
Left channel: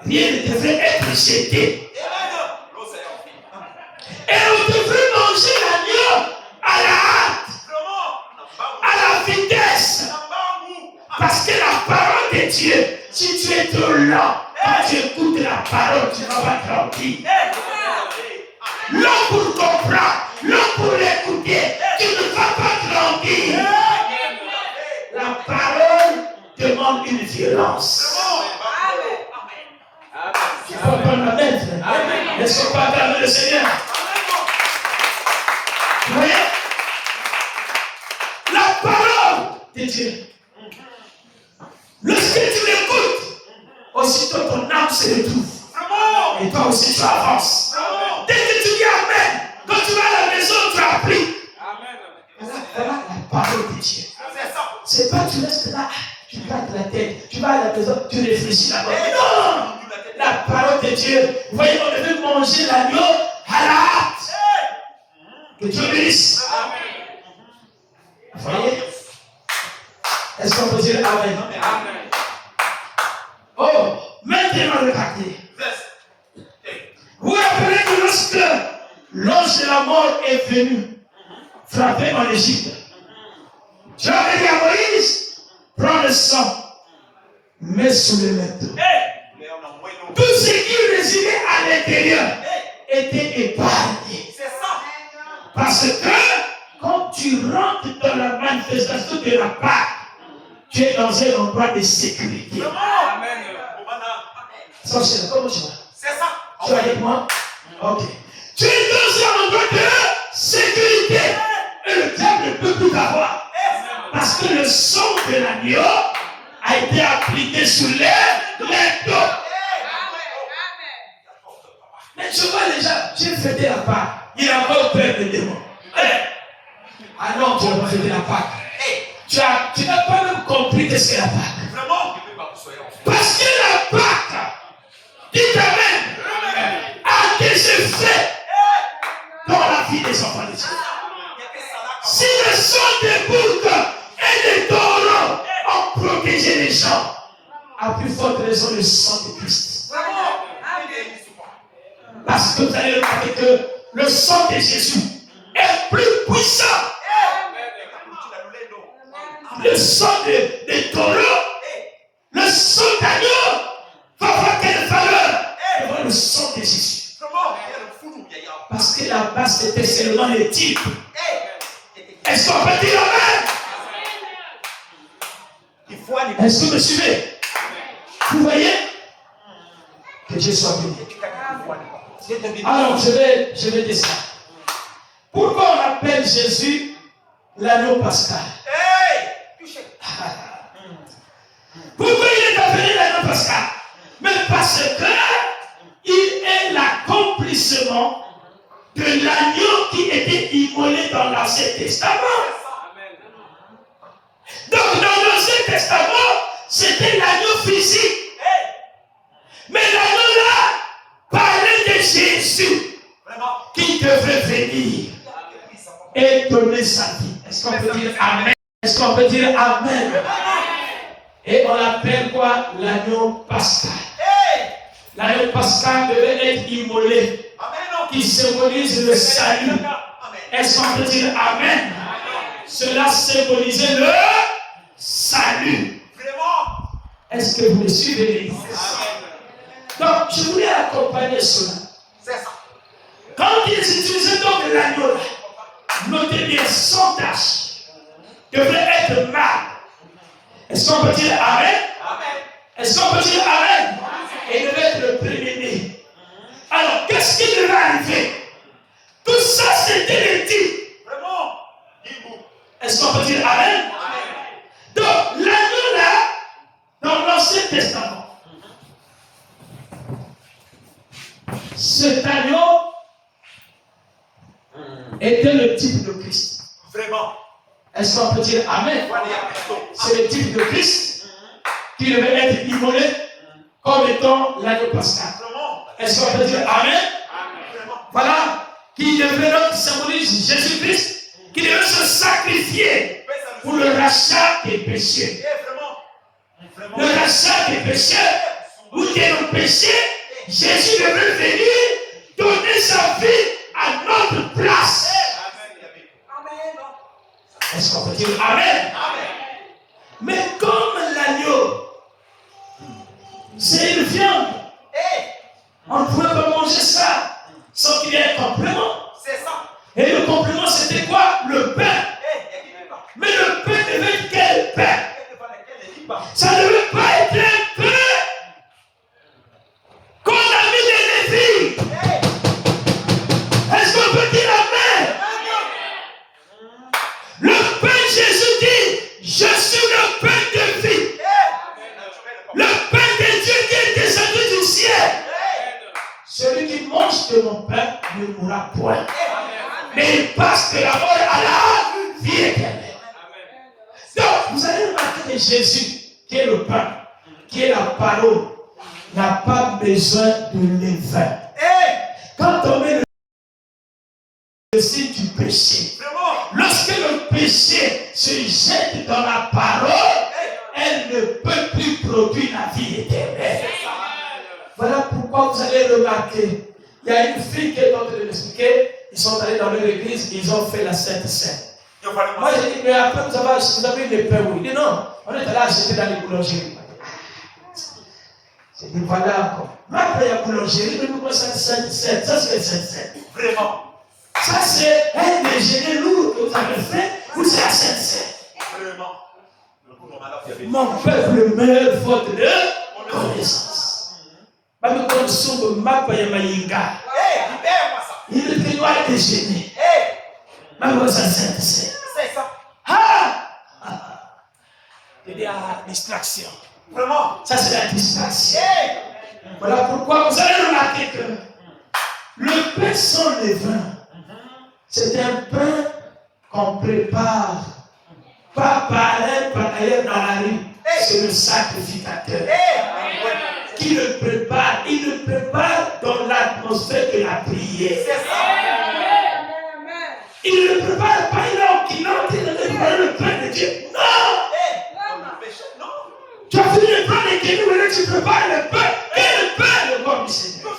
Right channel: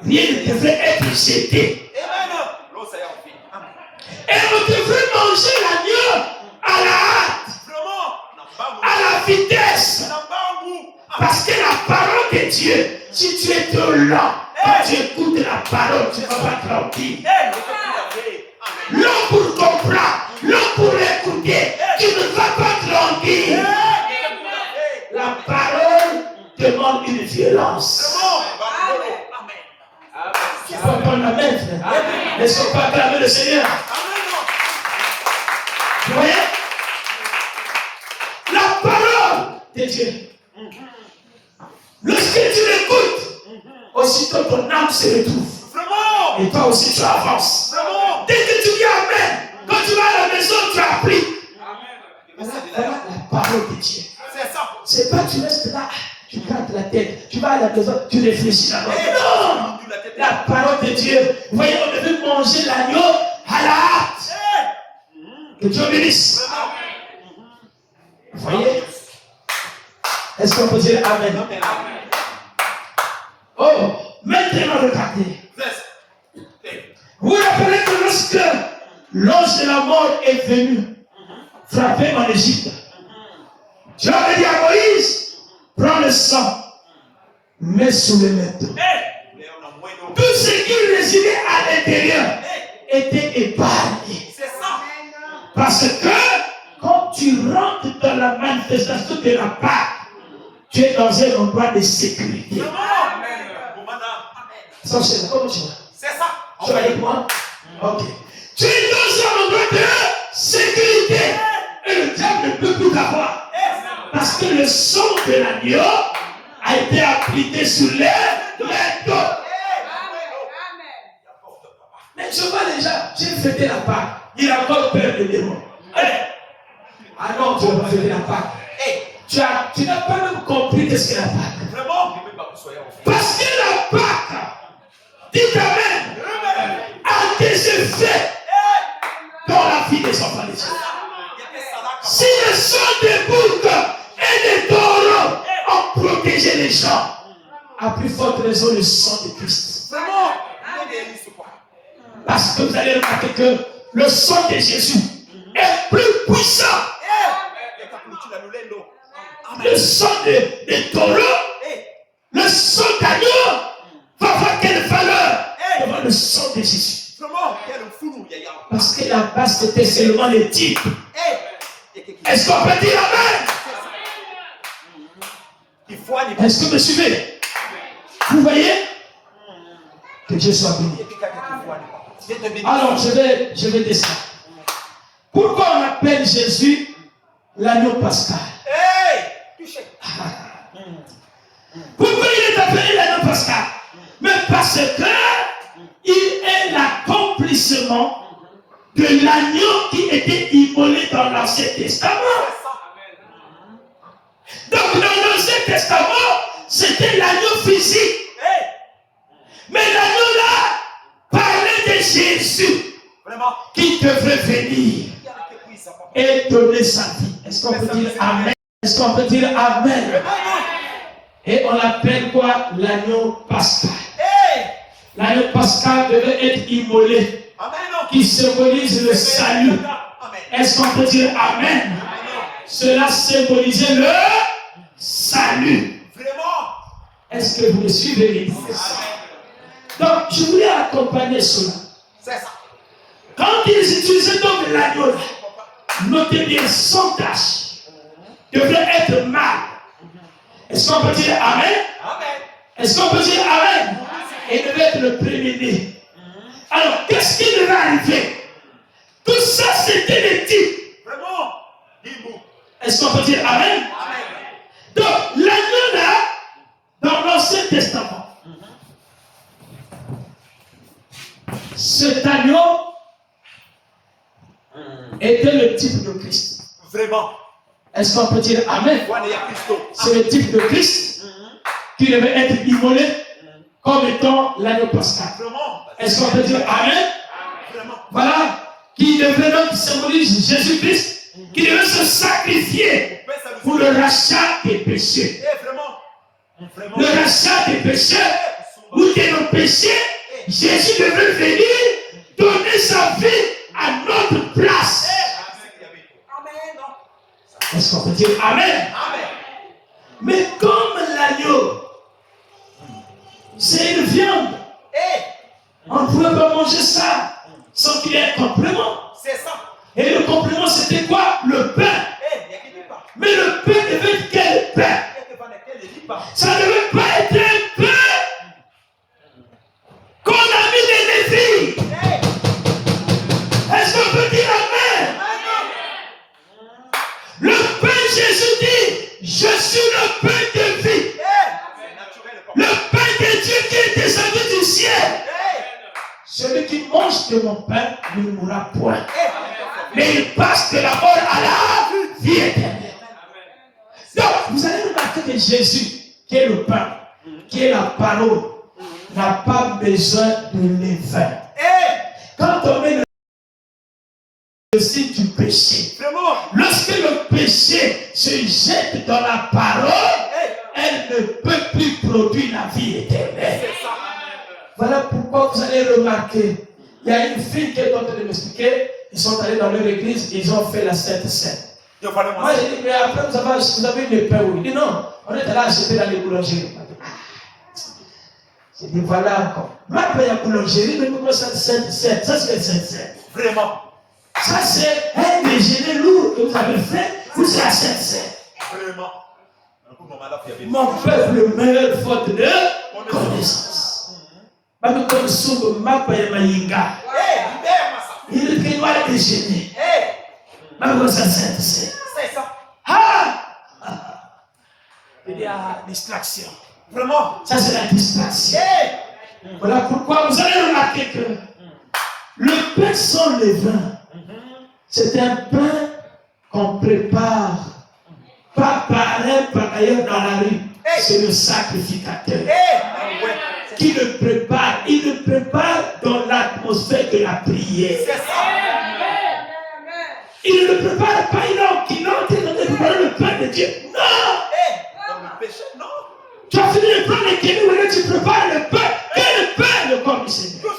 rien ne devrait être jeté. Et on devrait manger l'agneau à la hâte, à la vitesse. Parce que la parole de Dieu, si tu es trop lent, quand tu écoutes la parole, tu ne vas pas grandir. L'homme pour comprendre, l'homme pour l'écouter, tu ne vas pas grandir. La parole demande une violence. Tu vas pas la mettre. Est-ce qu'on peut acclamer le Seigneur? Vous voyez? La parole de Dieu. Lorsque tu l'écoutes, aussitôt ton âme se retrouve. Et toi aussi tu avances. Dès que tu dis Amen, quand tu vas à la maison, tu appliques. Voilà la parole de Dieu. C'est pas tu restes là, tu grattes la tête, tu vas à la maison, tu réfléchis d'abord. Non! La parole de Dieu. Vous voyez, on devait manger l'agneau à la hâte. Que Dieu bénisse. Vous voyez? Est-ce qu'on peut dire Amen? Oh, maintenant regardez. Vous vous rappelez que lorsque l'ange de la mort est venu frapper en Égypte, Dieu a dit à Moïse, prends le sang, mets sous le manteau. Tout ce qui résidait à l'intérieur était épargné. Parce que quand tu rentres dans la manifestation de la Pâque, tu es dans un endroit de sécurité. Ça, c'est comment tu vois? C'est ça. Tu es avec moi? Ok. Tu es dans un endroit de sécurité. Et le diable ne peut plus t'avoir. Parce que le sang de l'agneau a été appliqué sous les manteaux. Mais je vois déjà, j'ai fêté la Pâque. Il a encore peur des démons. Ah non, tu n'as pas fêté la Pâque. Tu n'as pas même compris qu'est-ce qu'est la Pâque. Parce que la Pâque, dites Amen, a des effets dans la vie des enfants de Dieu. Si le sang des boucs et des taureaux ont protégé les gens, à plus forte raison le sang de Christ. Parce que vous allez remarquer que le sang de Jésus est plus puissant. Le sang des taureaux, le sang d'agneau va avoir quelle valeur devant le sang de Jésus. Parce que la base c'était seulement les types. Est-ce qu'on peut dire Amen? Est-ce que vous me suivez? Vous voyez? Que Dieu soit béni. Alors, je vais descendre. Pourquoi on appelle Jésus l'agneau pascal? Pourquoi il est appelé l'agneau pascal? Mais parce que il est l'accomplissement de l'agneau qui était immolé dans l'Ancien Testament. Donc, dans l'Ancien Testament, c'était l'agneau physique. Mais l'agneau là parlait de Jésus qui devait venir et donner sa vie. Est-ce qu'on peut dire Amen? Est-ce qu'on peut dire Amen? Et on l'appelle quoi? L'agneau pascal. L'agneau pascal devait être immolé, qui symbolise le salut. Est-ce qu'on peut dire Amen? Cela symbolisait le salut. Est-ce que vous me suivez, l'église? Donc, je voulais accompagner cela. Quand ils utilisaient donc l'agneau, notez bien, sans tache, devrait être mâle. Est-ce qu'on peut dire Amen? Est-ce qu'on peut dire Amen? Et devait être le premier-né. Alors, qu'est-ce qui devait arriver? Tout ça, c'était les types. Est-ce qu'on peut dire Amen? Donc, l'agneau là, dans l'Ancien Testament, cet agneau était le type de Christ. Vraiment. Est-ce qu'on peut dire Amen? C'est le type de Christ qui devait être immolé comme étant l'agneau pascal. Est-ce qu'on peut dire Amen? Voilà. Qui devait donc symboliser Jésus-Christ, qui devait se sacrifier pour le rachat des péchés. Le rachat des péchés, ou de nos péchés, Jésus devait venir donner sa vie à notre place. Est-ce qu'on peut dire Amen? Mais comme l'agneau, c'est une viande, on ne pouvait pas manger ça sans qu'il y ait un complément. Et le complément, c'était quoi? Le pain. Mais le pain devait être quel pain? Ça ne devait pas être un pain qu'on a mis des défis. Est-ce qu'on peut dire Amen? Le pain, Jésus dit, je suis le pain de vie. Le pain de Dieu qui est descendu du ciel. Celui qui mange de mon pain ne mourra point. Mais il passe de la mort à la vie éternelle. Donc, vous allez remarquer que Jésus, qui est le pain, qui est la parole, n'a pas besoin de levain. Quand on met le signe du péché, lorsque le péché se jette dans la parole, elle ne peut plus produire la vie éternelle. Voilà pourquoi vous allez remarquer, il y a une fille qui est en train de m'expliquer, ils sont allés dans leur église, ils ont fait la Sainte Seine. Moi j'ai dit, mais après vous avez une pain, oui. Il dit non, on est allé acheter dans les boulangeries. J'ai dit voilà encore. Ma paix à boulangerie, mais pourquoi ça Sainte Seine? Ça c'est la Sainte Seine. Vraiment. Ça c'est un déjeuner lourd que vous avez fait, vous c'est la Sainte Seine. Vraiment. Mon peuple meurt faute de connaissance. Même quand nous sommes ma paix à Mayinga. Il ne peut pas déjeuner. Même quand ça Sainte Seine. C'est ça. Il y a distraction. Vraiment. Ça c'est la distraction. Voilà pourquoi vous allez remarquer que le pain sans levain, c'est un pain qu'on prépare. Pas par ailleurs dans la rue. C'est le sacrificateur qui le prépare. Il le prépare dans l'atmosphère de la prière. Il ne le prépare pas, il entre dans le pain de Dieu. Non! Tu as fini de prendre les kénous et là tu prépares le pain. Et le pain, le corps du Seigneur.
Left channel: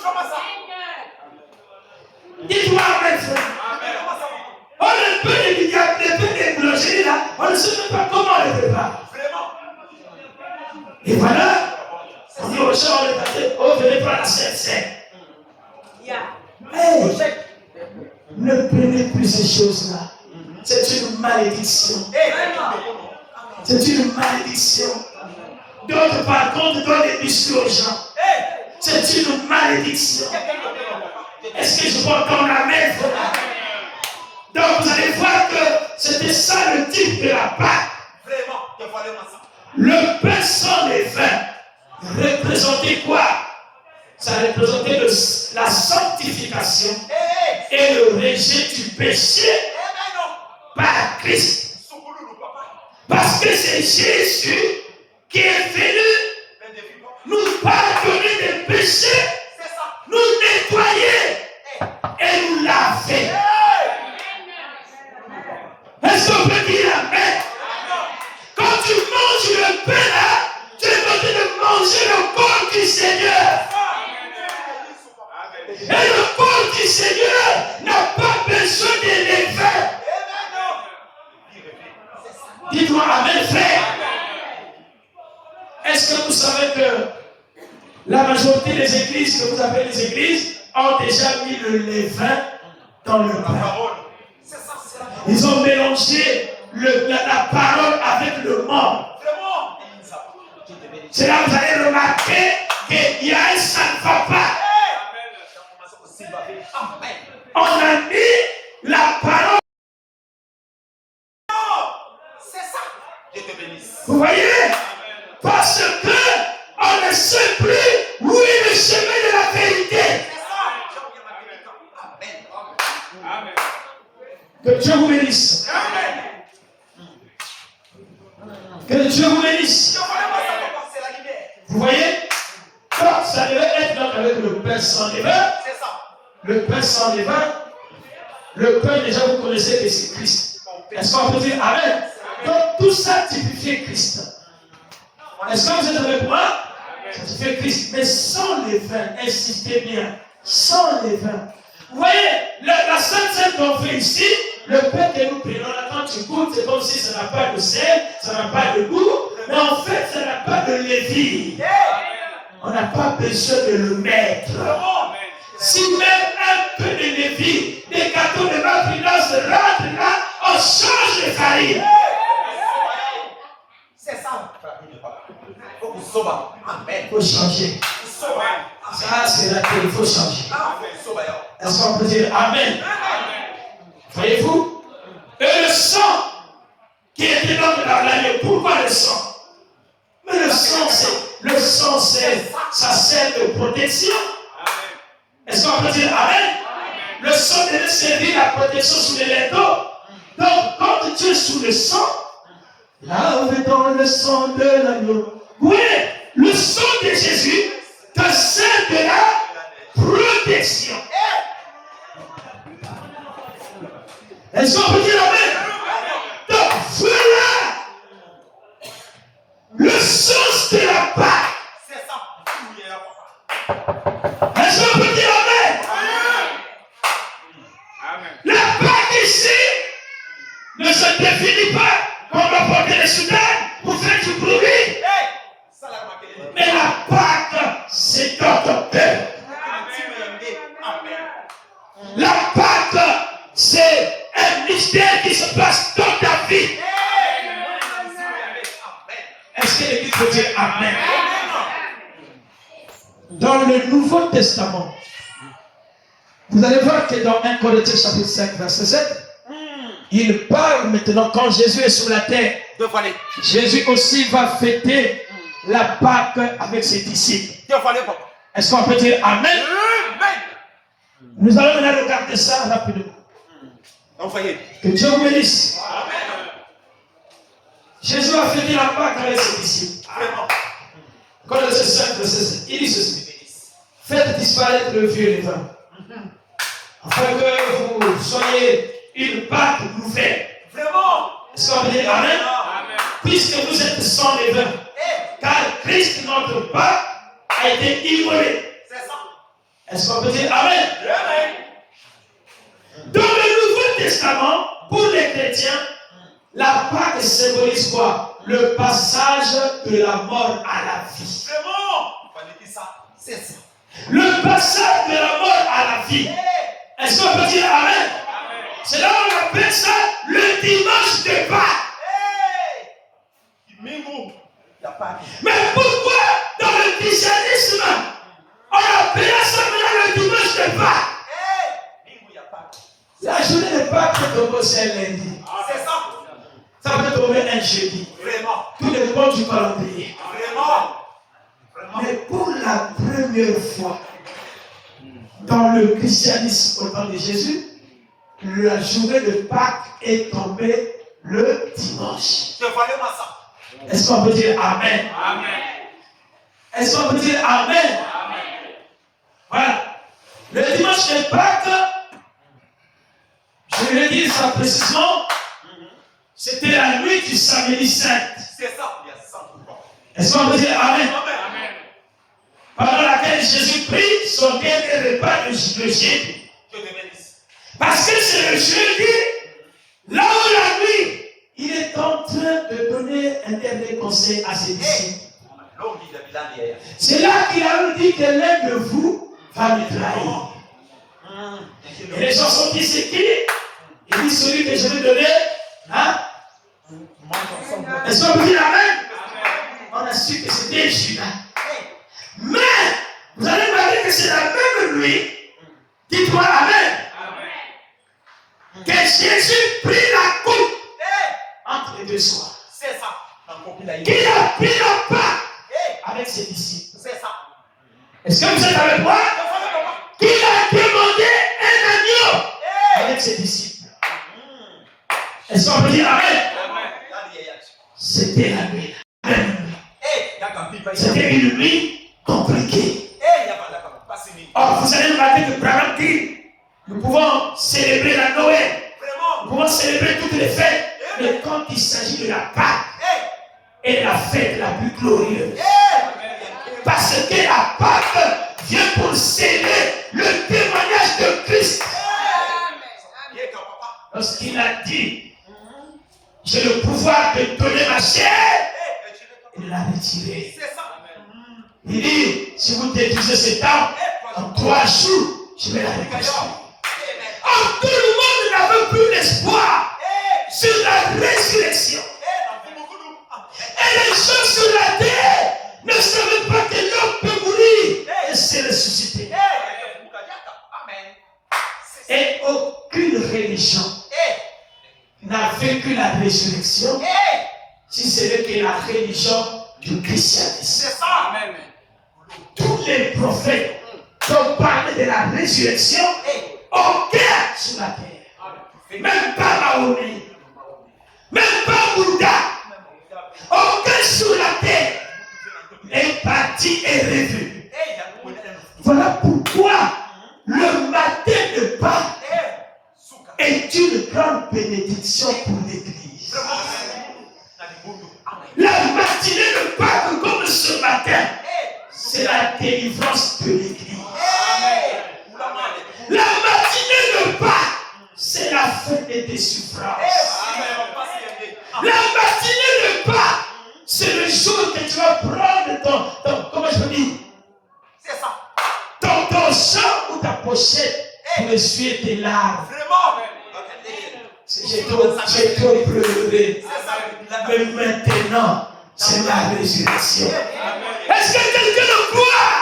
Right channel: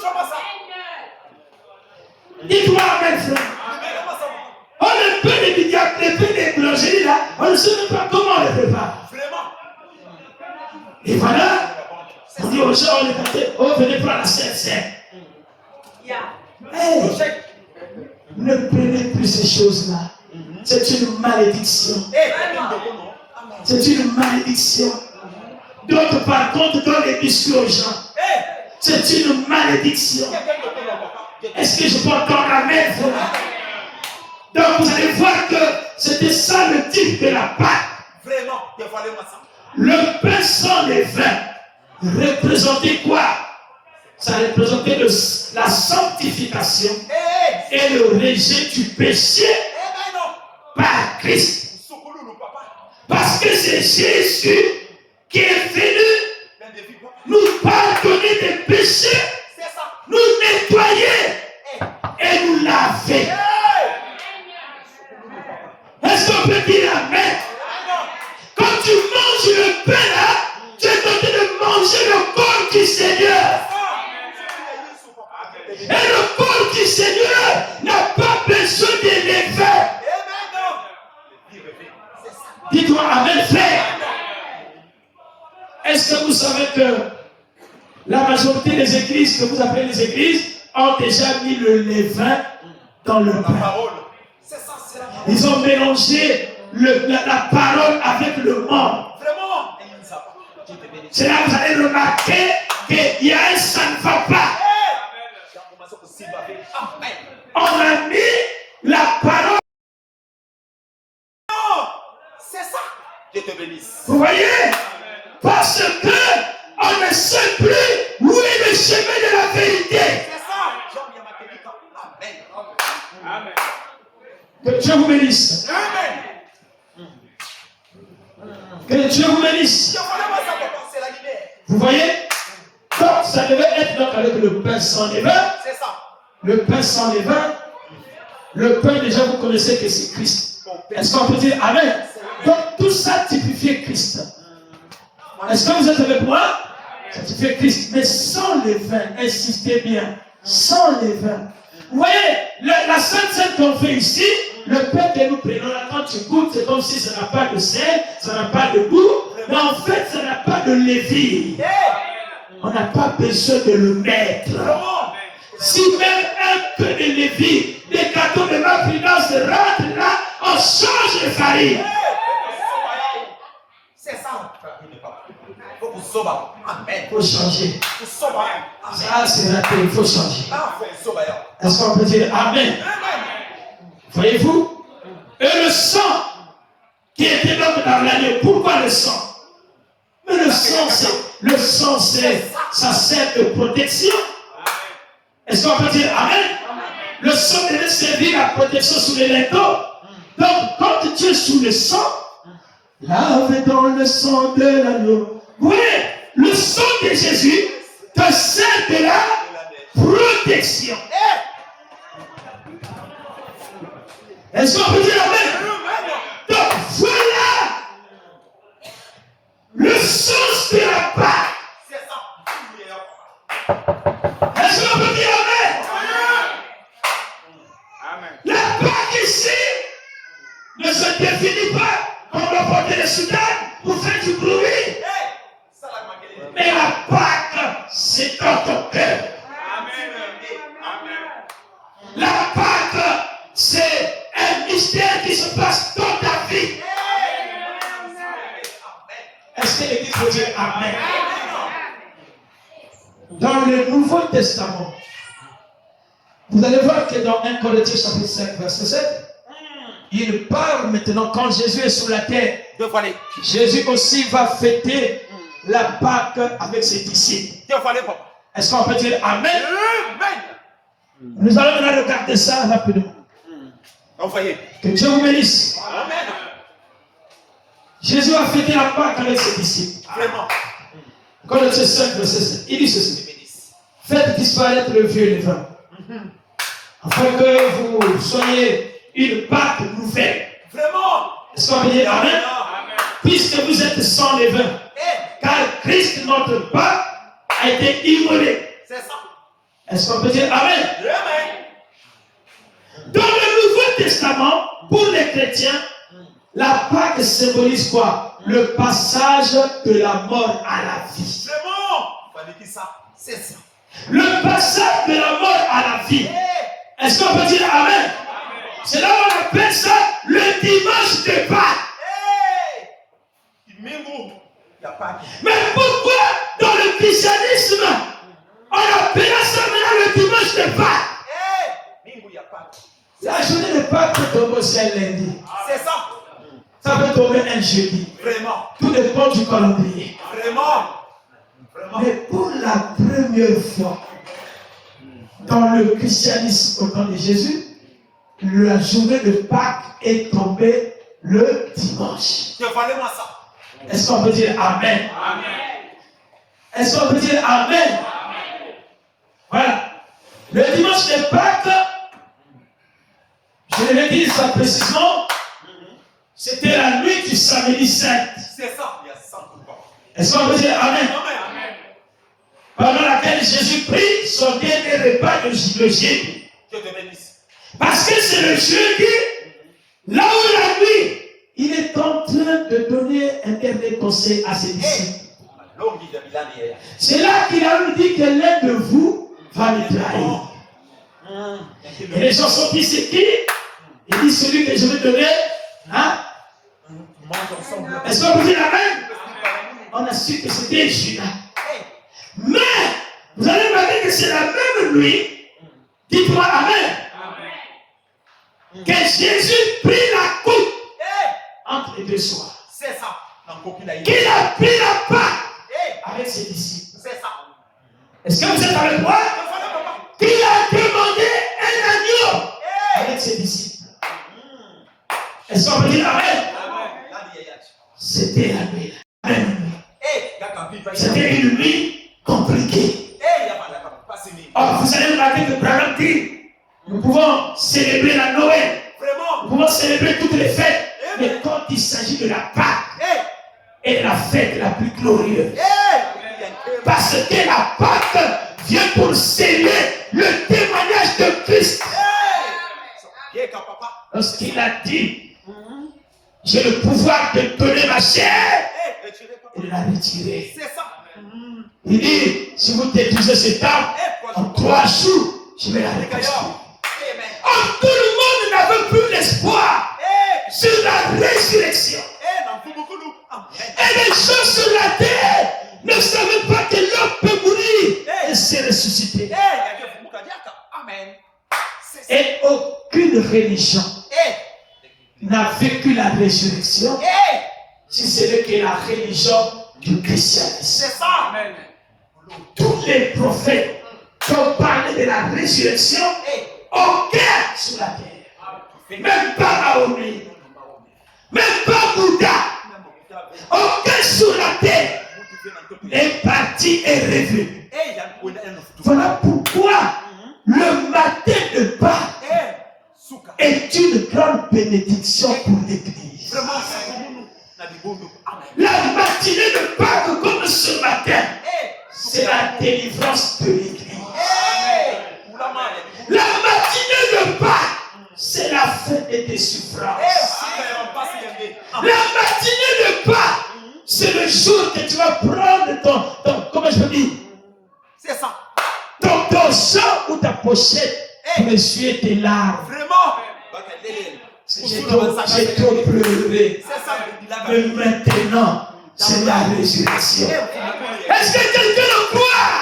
Dis-toi amen, frère. Oh, le pain des milliards, le pain des boulangeries là, on ne sait même pas comment on les prépare. Et voilà, on dit aux gens, on les prépare, oh, venez prendre la Sainte Seine. Hey, ne prenez plus ces choses-là. C'est une malédiction. C'est une malédiction. D'autres, par contre, donnent des biscuits aux gens. C'est une malédiction. Est-ce que je peux entendre amen? Donc, vous allez voir que c'était ça le type de la Pâque. Le pain sans levain représentait quoi? Ça représentait la sanctification et le rejet du péché par Christ. Parce que c'est Jésus qui est venu nous pardonner des péchés, nous nettoyer et nous laver. Est-ce qu'on peut dire amen? Quand tu manges le pain là, tu es en train de manger le corps du Seigneur. Et le corps du Seigneur n'a pas besoin de levain. Dis-toi amen, frère. Est-ce que vous savez que la majorité des églises que vous appelez les églises ont déjà mis le levain dans le pain? Ils ont mélangé la parole avec le monde. C'est là que vous allez remarquer qu'il y a un ça ne va pas. On a mis la parole. C'est ça. Dieu te bénisse. Vous voyez? Parce que on ne sait plus où est le chemin de la vérité. C'est ça. Amen. Que Dieu vous bénisse. Amen. Que Dieu vous bénisse. Vous voyez? Donc ça devait être donc avec le pain sans levain. C'est ça. Le pain sans levain. Le pain déjà vous connaissez que c'est Christ. Est-ce qu'on peut dire amen? Donc tout ça typifiait Christ. Est-ce que vous êtes avec moi? Ça typifiait Christ. Mais sans levain, insistez bien. Sans levain. Vous voyez, la Sainte Seine qu'on fait ici, le pain que nous prenons là, quand tu goûtes, c'est comme si ça n'a pas de sel, ça n'a pas de goût, mais en fait, ça n'a pas de levure. On n'a pas besoin de le mettre. Si même un peu de levure, des gâteaux de malfinance rentrent là, on change de farine. C'est ça. Il faut changer. Ça, c'est raté, il faut changer. Est-ce qu'on peut dire amen? Voyez-vous? Et le sang qui était dans l'agneau. Pourquoi le sang? Mais le sang, ça sert de protection. Est-ce qu'on peut dire amen? Le sang devait servir la protection sous les linteaux. Donc, quand tu es sous le sang, lave dans le sang de l'agneau. Oui, le sang de Jésus te sert de la protection. Est-ce qu'on peut dire amen? Donc voilà le sens de la Pâque. C'est ça. Est-ce qu'on peut dire amen? La Pâque ici ne se définit pas comme le porter les soutanes pour faire du bruit. Mais la Pâque, c'est dans ton cœur. La Pâque, c'est un mystère qui se passe dans ta vie. Est-ce que l'Église peut dire amen? Dans le Nouveau Testament, vous allez voir que dans 1 Corinthiens chapitre 5, verset 7, il parle maintenant quand Jésus est sur la terre. Jésus aussi va fêter la Pâque avec ses disciples. Est-ce qu'on peut dire amen? Nous allons maintenant regarder ça rapidement. Que Dieu vous bénisse. Jésus a fêté la Pâque avec ses disciples. Corinthiens 5, verset 7. Il dit ceci. Faites disparaître le vieux levain, afin que vous soyez une Pâque nouvelle. Est-ce qu'on peut dire amen? Puisque vous êtes sans levain, car Christ, notre Pâque, a été immolé. Est-ce qu'on peut dire amen? Dans le Nouveau Testament, pour les chrétiens, la Pâque symbolise quoi? Le passage de la mort à la vie. Le passage de la mort à la vie. Est-ce qu'on peut dire amen? C'est là où on appelle ça le dimanche de Pâques. Mais pourquoi dans le christianisme on appelle ça maintenant le dimanche de Pâques? La journée de Pâques peut tomber aussi un lundi. Ça peut tomber un jeudi. Tout dépend du calendrier. Mais pour la première fois dans le christianisme au temps de Jésus, la journée de Pâques est tombée le dimanche. Est-ce qu'on peut dire amen? Est-ce qu'on peut dire amen? Voilà. Le dimanche de Pâques, je vais dire ça précisément, c'était la nuit du samedi saint. Est-ce qu'on peut dire amen? Pendant laquelle Jésus prit son dernier repas le jeudi. Parce que c'est le jeudi, là où la nuit, il est en train de donner un dernier conseil à ses disciples. C'est là qu'il a dit que l'un de vous va me trahir. Et les gens sont dit, c'est qui? Il dit celui que je vais donner. Hein? Est-ce qu'on peut dire amen? On a su que c'était Judas. Mais vous allez me dire que c'est la même nuit. Dites-moi amen. Que Jésus prit la coupe entre les deux soirs. Qu'il a pris la Pâque avec ses disciples. Est-ce que vous êtes avec moi? Qu'il a demandé un agneau avec ses disciples. Est-ce qu'on peut dire amen? C'était la nuit. C'était une nuit compliquée. Or, vous allez remarquer que Branham dit, nous pouvons célébrer la Noël, nous pouvons célébrer toutes les fêtes, mais quand il s'agit de la Pâque, est la fête la plus glorieuse. Parce que la Pâque vient pour sceller le témoignage de Christ. Lorsqu'il a dit, j'ai le pouvoir de donner ma chair et de la retirer. Il dit, si vous détruisez cet arbre, en 3 jours, je vais la reconstruire. Or, tout le monde n'avait plus l'espoir sur la résurrection. Et les gens sur la terre ne savaient pas que l'homme peut mourir et se ressusciter. Et aucune religion n'a vécu la résurrection si ce n'est que la religion du christianisme. Tous les prophètes qui ont parlé de la résurrection, aucun sur la terre, même pas Mahomet, même pas Bouddha, aucun sur la terre parti est revenu. Voilà pourquoi le matin de Pâques est une grande bénédiction pour l'Église. La matinée de Pâques, comme ce matin, c'est la délivrance de l'Église. La matinée de Pâques, c'est la fête des suffrages. La matinée de Pâques, c'est le jour que tu vas prendre ton comment je peux dire? C'est ça. Ton champ ou ta pochette pour essuyer tes larmes. Vraiment. J'ai trop pleuré. Mais maintenant, c'est la résurrection. Est-ce que quelqu'un le croit?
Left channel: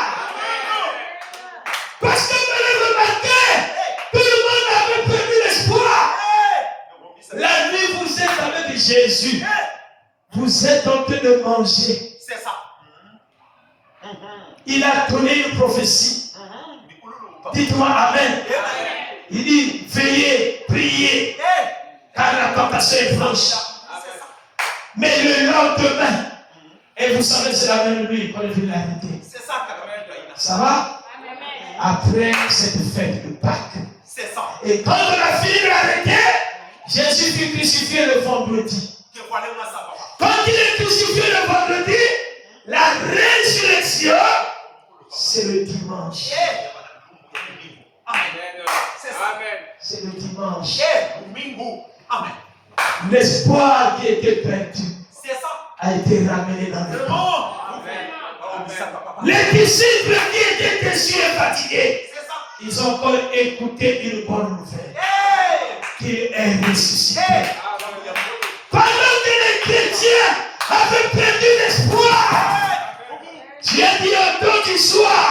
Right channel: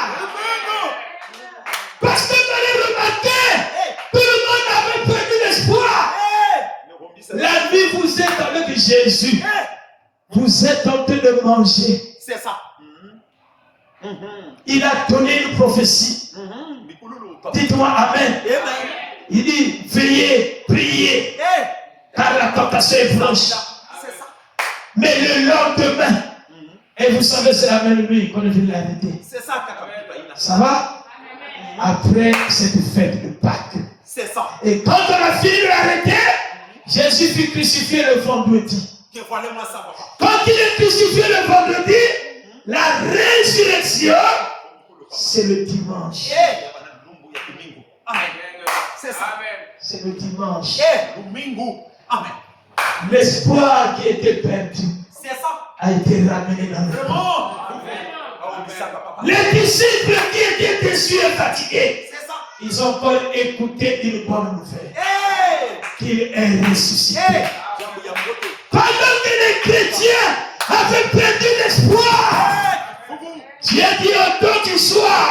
Parce que dans le matin, tout le monde avait perdu l'espoir. La nuit, vous êtes avec Jésus. Vous êtes en train de manger. C'est ça. Il a donné une prophétie. Dites-moi Amen. Il dit, veillez, priez, car la tentation est franche. Mais le lendemain, et vous savez, c'est la même nuit qu'on est venu l'arrêter. Ça va? Après cette fête de Pâques. C'est ça. Et quand on a fini de l'arrêter, Jésus fut crucifié le vendredi. Quand il est crucifié le vendredi, la résurrection, c'est le dimanche. C'est ça. C'est le dimanche. Amen. L'espoir qui était perdu C'est ça. a été ramené dans le monde. Les disciples qui étaient déçus et fatigués, ils ont encore écouté une bonne nouvelle. Qu'il est ressuscité. Pendant que les chrétiens avaient perdu l'espoir, Dieu dit au temps du soir,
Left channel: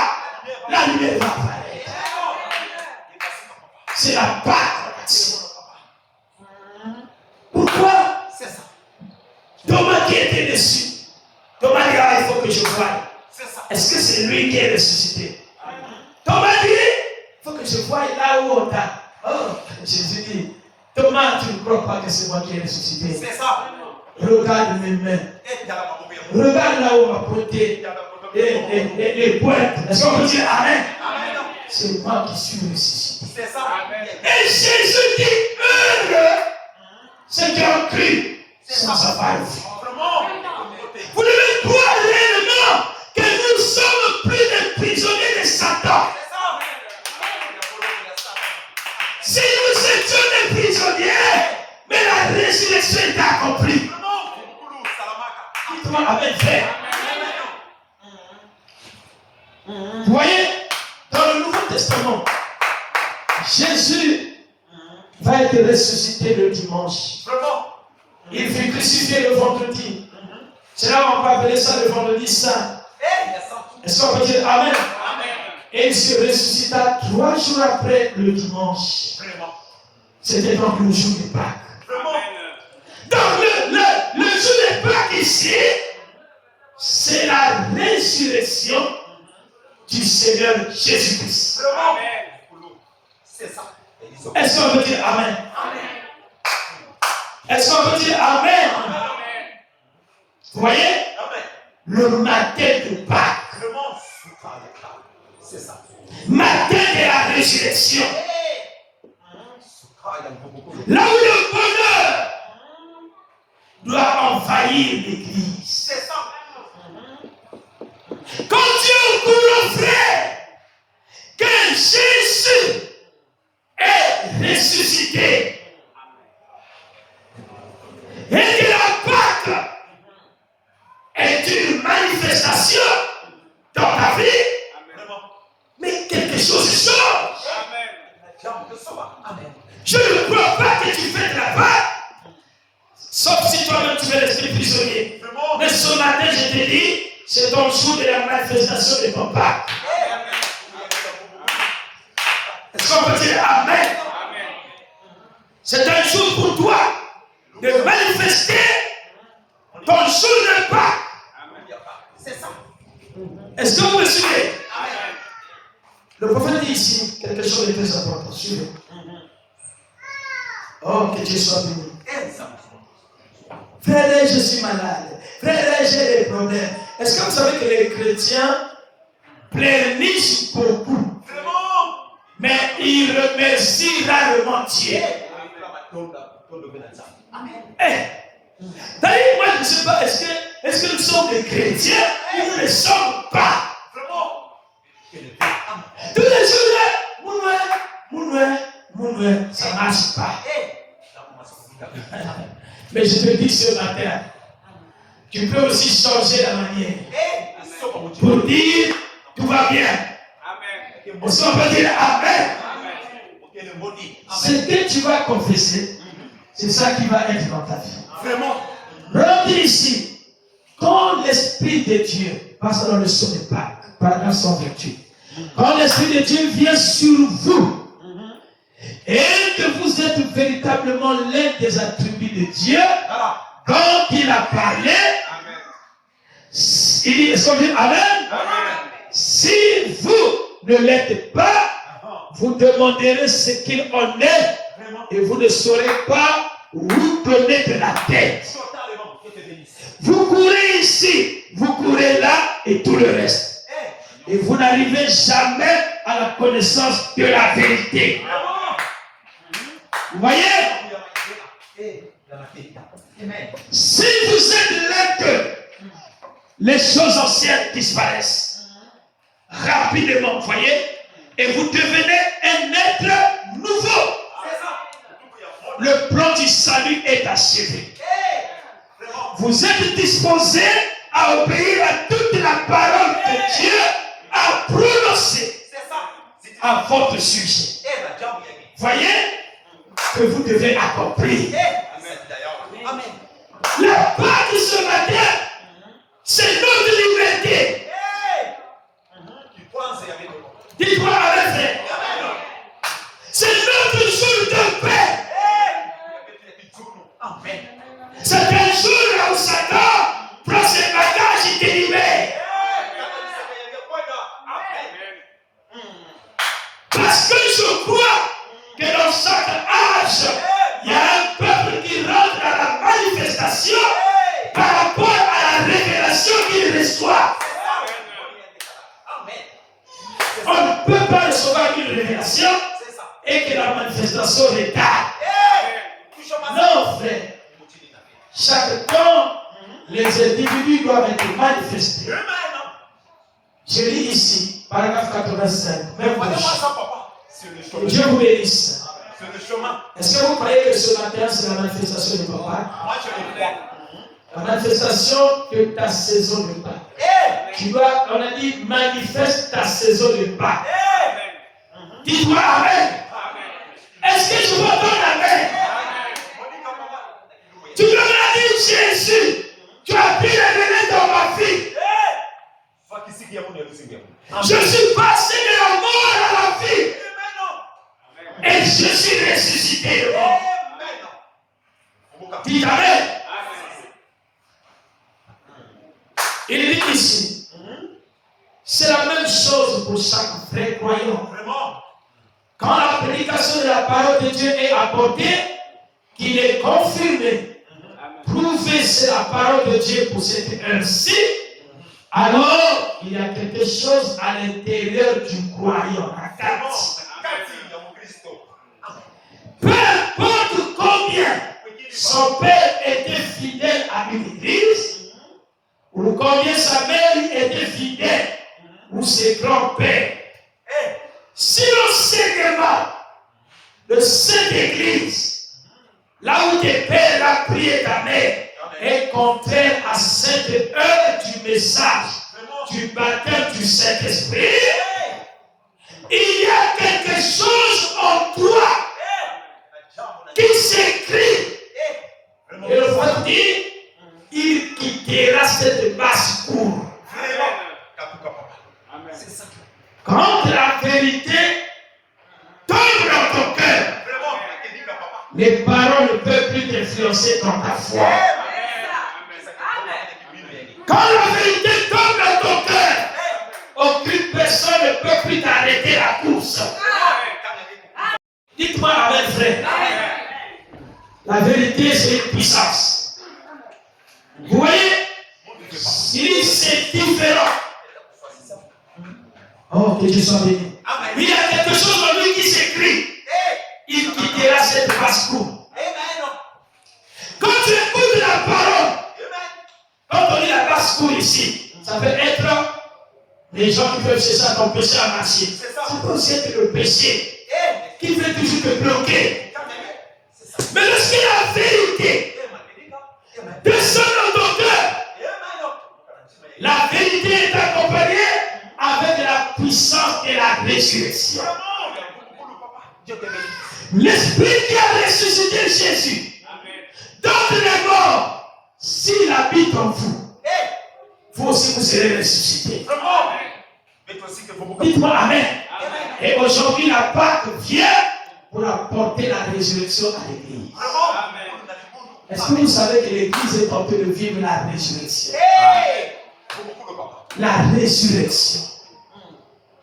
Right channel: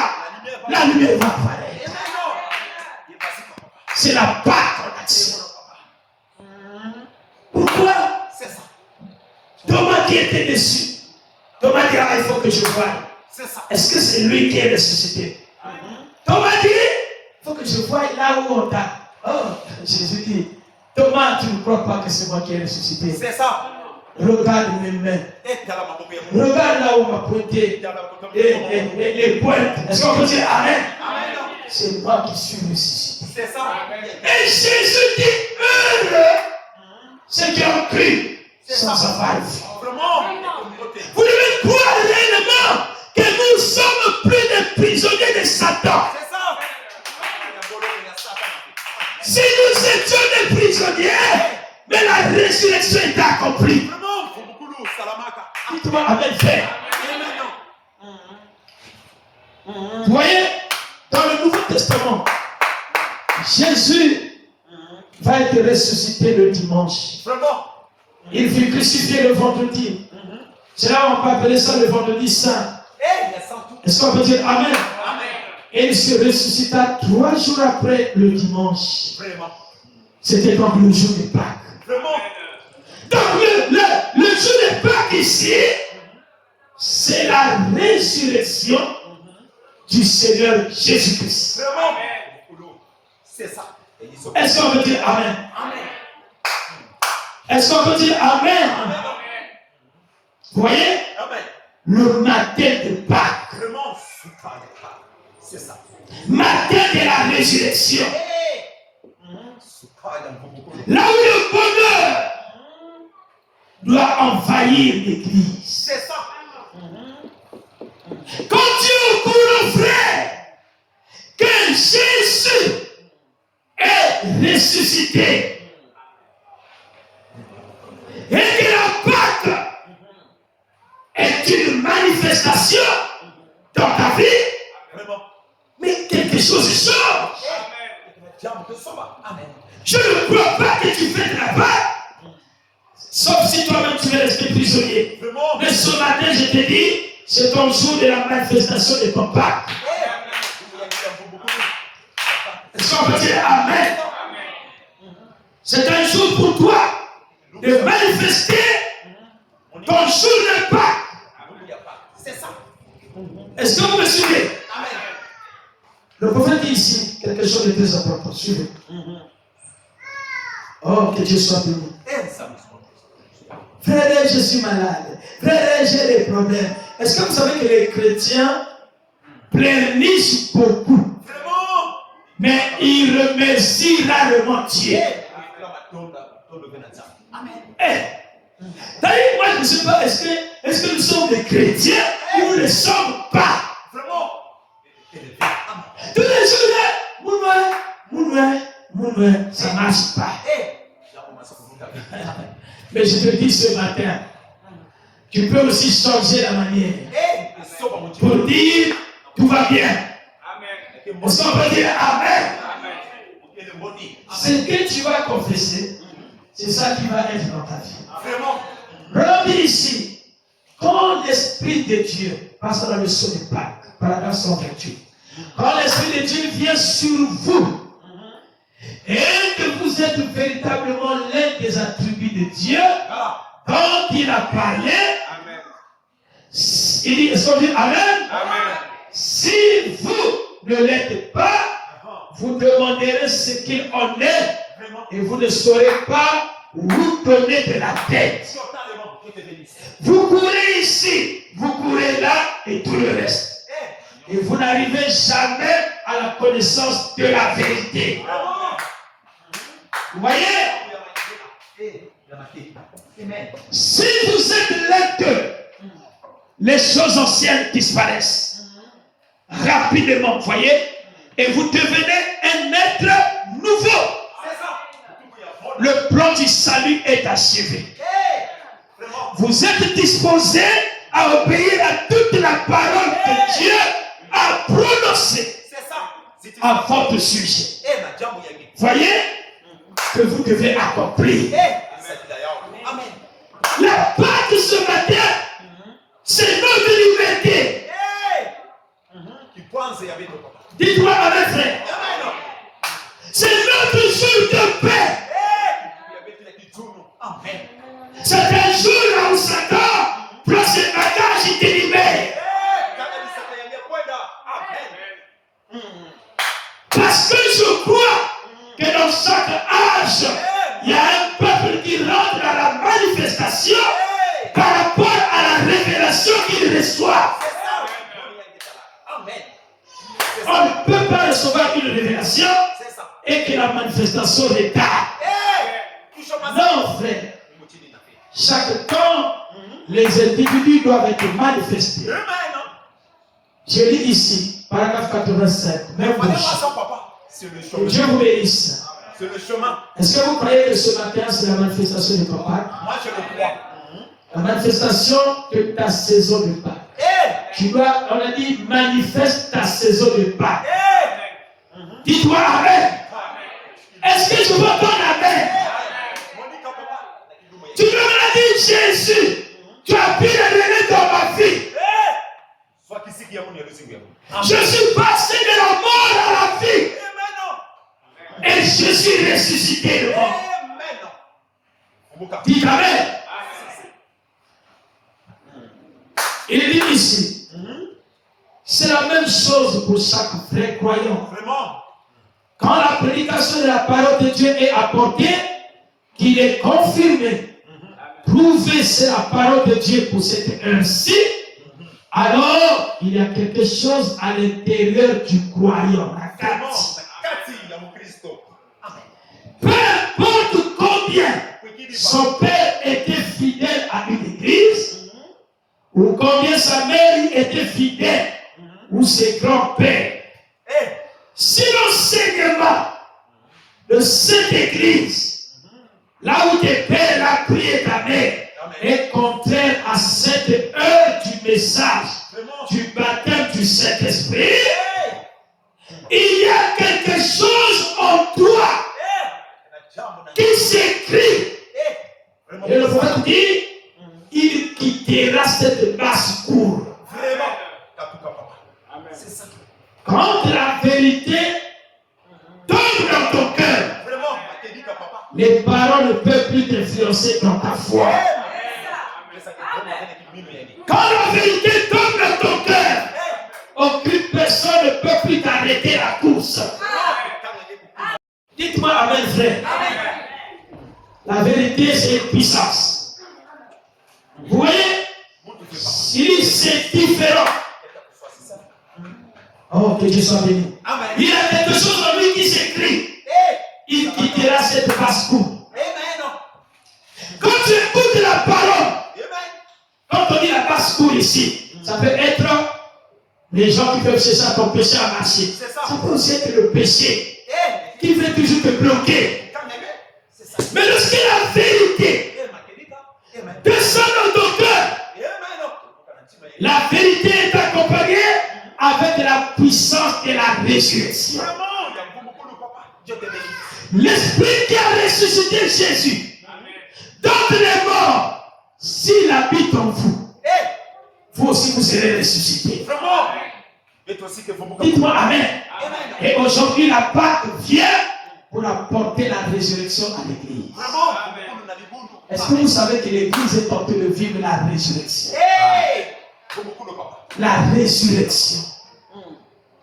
la lumière va apparaître. C'est la Pâque. Pourquoi? C'est ça. Thomas qui était déçu. Thomas dit, il faut que je voie. C'est ça. Est-ce que c'est lui qui est ressuscité? Thomas dit, il faut que je voie là où on t'a. Oh, Jésus dit, Thomas, tu ne crois pas que c'est moi qui ai ressuscité? C'est ça. Regarde mes mains. Regarde là où on m'a pointé. Et les pointes. Est-ce qu'on peut dire Amen? C'est moi qui suis ressuscité. C'est ça. Et Jésus dit, heureux ceux qui ont cru sans avoir vu. Vous devez croire réellement que nous sommes plus des prisonniers de Satan. Si nous étions des prisonniers, mais la résurrection est accomplie. Dites-moi Amen, frère. Vous voyez, dans le Nouveau Testament, Jésus va être ressuscité le dimanche. Il fut crucifié le vendredi. C'est là où on peut appeler ça le vendredi saint. Est-ce qu'on peut dire Amen? Et il se ressuscita 3 jours après le dimanche. C'était donc le jour de Pâques. Donc le jour de Pâques ici, c'est la résurrection du Seigneur Jésus-Christ. C'est ça. Est-ce qu'on peut dire Amen? Est-ce qu'on peut dire Amen? Vous voyez? Le matin de Pâques. C'est ça. Matin de la résurrection. Là où le bonheur doit envahir l'église. C'est ça. Quand Dieu au courant, frère, que Jésus est ressuscité et que la Pâque est une manifestation dans ta vie, mais quelque chose change. Je ne crois pas que tu fais de la Pâque, sauf si toi-même tu veux rester prisonnier. Mais ce matin, je te dis, c'est ton jour de la manifestation de ton Pâque. Est-ce qu'on peut dire Amen? C'est un jour pour toi de manifester ton jour de Pâques. C'est ça. Est-ce que vous me suivez? Le prophète dit ici quelque chose de très important. Suivez. Oh, que Dieu soit béni. Frère, je suis malade. Frère, j'ai des problèmes. Est-ce que vous savez que les chrétiens pleurnichent beaucoup? Mais ils remercient rarement Dieu. D'ailleurs, moi je ne sais pas, est-ce que nous sommes des chrétiens ou nous ne le sommes pas? Tous les jours, Mounoué, ça ne marche pas. Mais je te dis ce matin, tu peux aussi changer la manière pour dire tout va bien. Est-ce qu'on peut dire Amen? Ce que tu vas confesser, c'est ça qui va être dans ta vie. Regardez ici, quand l'Esprit de Dieu, passe dans le son de Pâques, paragraphe 128, quand l'Esprit de Dieu vient sur vous, et que vous êtes véritablement l'un des attributs de Dieu, quand il a parlé, il dit, est-ce qu'on dit Amen? Si vous ne l'êtes pas, vous demanderez ce qu'il en est, et vous ne saurez pas vous donner de la tête. Vous courez ici, vous courez là, et tout le reste. Et vous n'arrivez jamais à la connaissance de la vérité. Vous voyez? Si vous êtes là que les choses anciennes disparaissent rapidement, vous voyez, et vous devenez un être nouveau. Le plan du salut est achevé. Vous êtes disposé à obéir à toute la parole que Dieu a prononcée à votre sujet. Voyez que vous devez accomplir. La part de ce matin, c'est notre liberté. Dites-moi avec frère. C'est notre jour de paix. C'est un jour là où Satan prend ses bagages et te libère. Parce que je crois que dans chaque âge, il y a un peuple qui rentre à la manifestation par rapport à la révélation qu'il reçoit. On ne peut pas recevoir une révélation et que la manifestation retarde. Non, frère. Chaque temps, les individus doivent être manifestés. Je lis ici, paragraphe 85. Même Dieu vous bénisse. Est-ce que vous croyez que ce matin, c'est la manifestation de papa? Moi, je le crois. La manifestation de ta saison de Pâques. Tu dois, on a dit, manifeste ta saison de Pâques. Dis-toi Amen. Est-ce que tu vas entendre Amen? Tu dois me dire Jésus, tu as pu révéler dans ma vie. Je suis passé de la mort à la vie. Et je suis ressuscité. Dites Amen. Il dit ici, c'est la même chose pour chaque frère croyant. Quand la prédication de la parole de Dieu est apportée, qu'il est confirmé, prouvé c'est la parole de Dieu pour cette heure-ci, alors il y a quelque chose à l'intérieur du croyant. Peu importe combien son père était fidèle à une église, ou combien sa mère était fidèle, ou ses grands-pères, si l'enseignement de cette église, là où tes pères l'ont prié ta mère, est contraire à cette heure du message, du baptême du Saint-Esprit, il y a quelque chose en toi qui s'écrit. Et le roi dit, il quittera cette basse-cour. Quand la vérité tombe dans ton cœur, les paroles ne peuvent plus t'influencer dans ta foi. Quand la vérité tombe dans ton cœur, aucune personne ne peut plus t'arrêter la course. Dites-moi Amen, frère. La vérité, c'est une puissance. Il dit c'est différent. Oh, que Dieu soit béni. Amen. Il y a quelque chose en lui qui s'écrit. Il quittera cette basse-cour. Quand tu écoutes la parole, quand on dit la basse-cour ici, ça peut être les gens qui peuvent chercher à ton péché à marcher. Ça peut aussi être le péché qui veut toujours te bloquer. Mais lorsque la vérité descend dans ton cœur, la vérité est accompagnée avec la puissance et la résurrection. L'Esprit qui a ressuscité Jésus d'entre les morts, s'il habite en vous, vous aussi vous serez ressuscités. Dites-moi Amen. Et aujourd'hui, la Pâque vient pour apporter la résurrection à l'Église. Est-ce que vous savez que l'Église est en train de vivre la résurrection? La résurrection.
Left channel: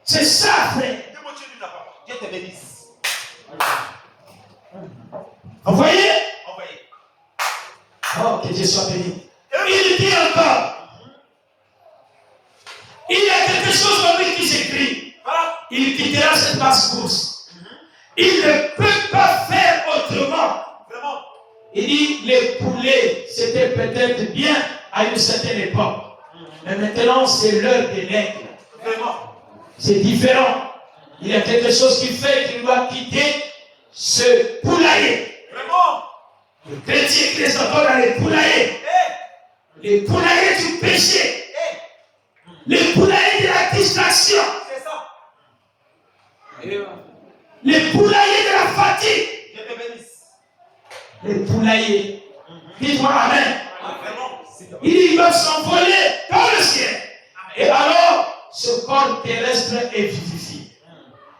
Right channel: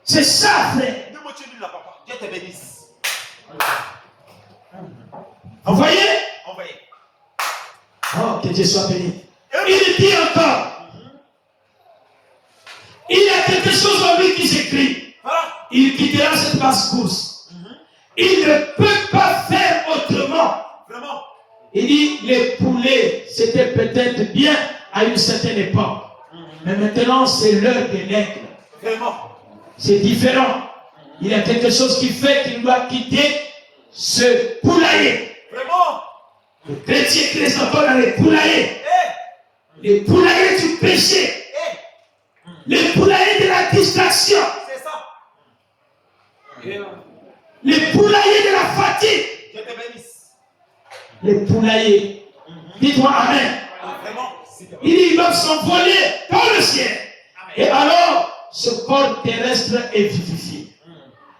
C'est ça, frère. Dieu te bénisse. Vous voyez? Envoyez. Oh, que Dieu soit béni. Il dit encore, il y a quelque chose en lui qui s'écrit. Il quittera cette basse-course. Il ne peut pas faire autrement. Vraiment. Il dit, les poulets, c'était peut-être bien à une certaine époque. Mais maintenant, c'est l'heure des l'aigle. Vraiment. C'est différent. Il y a quelque chose qui fait qu'il doit quitter ce poulailler. Vraiment. Le chrétien qui est encore dans les poulaillers. Les poulaillers du péché. Les poulaillers de la distraction. C'est ça. Les poulaillers de la fatigue. Dieu te bénisse. Les poulaillers. Dites-moi Amen. Vraiment. Il dit, ils doivent s'envoler dans le ciel. Et alors, ce corps terrestre est vivifié.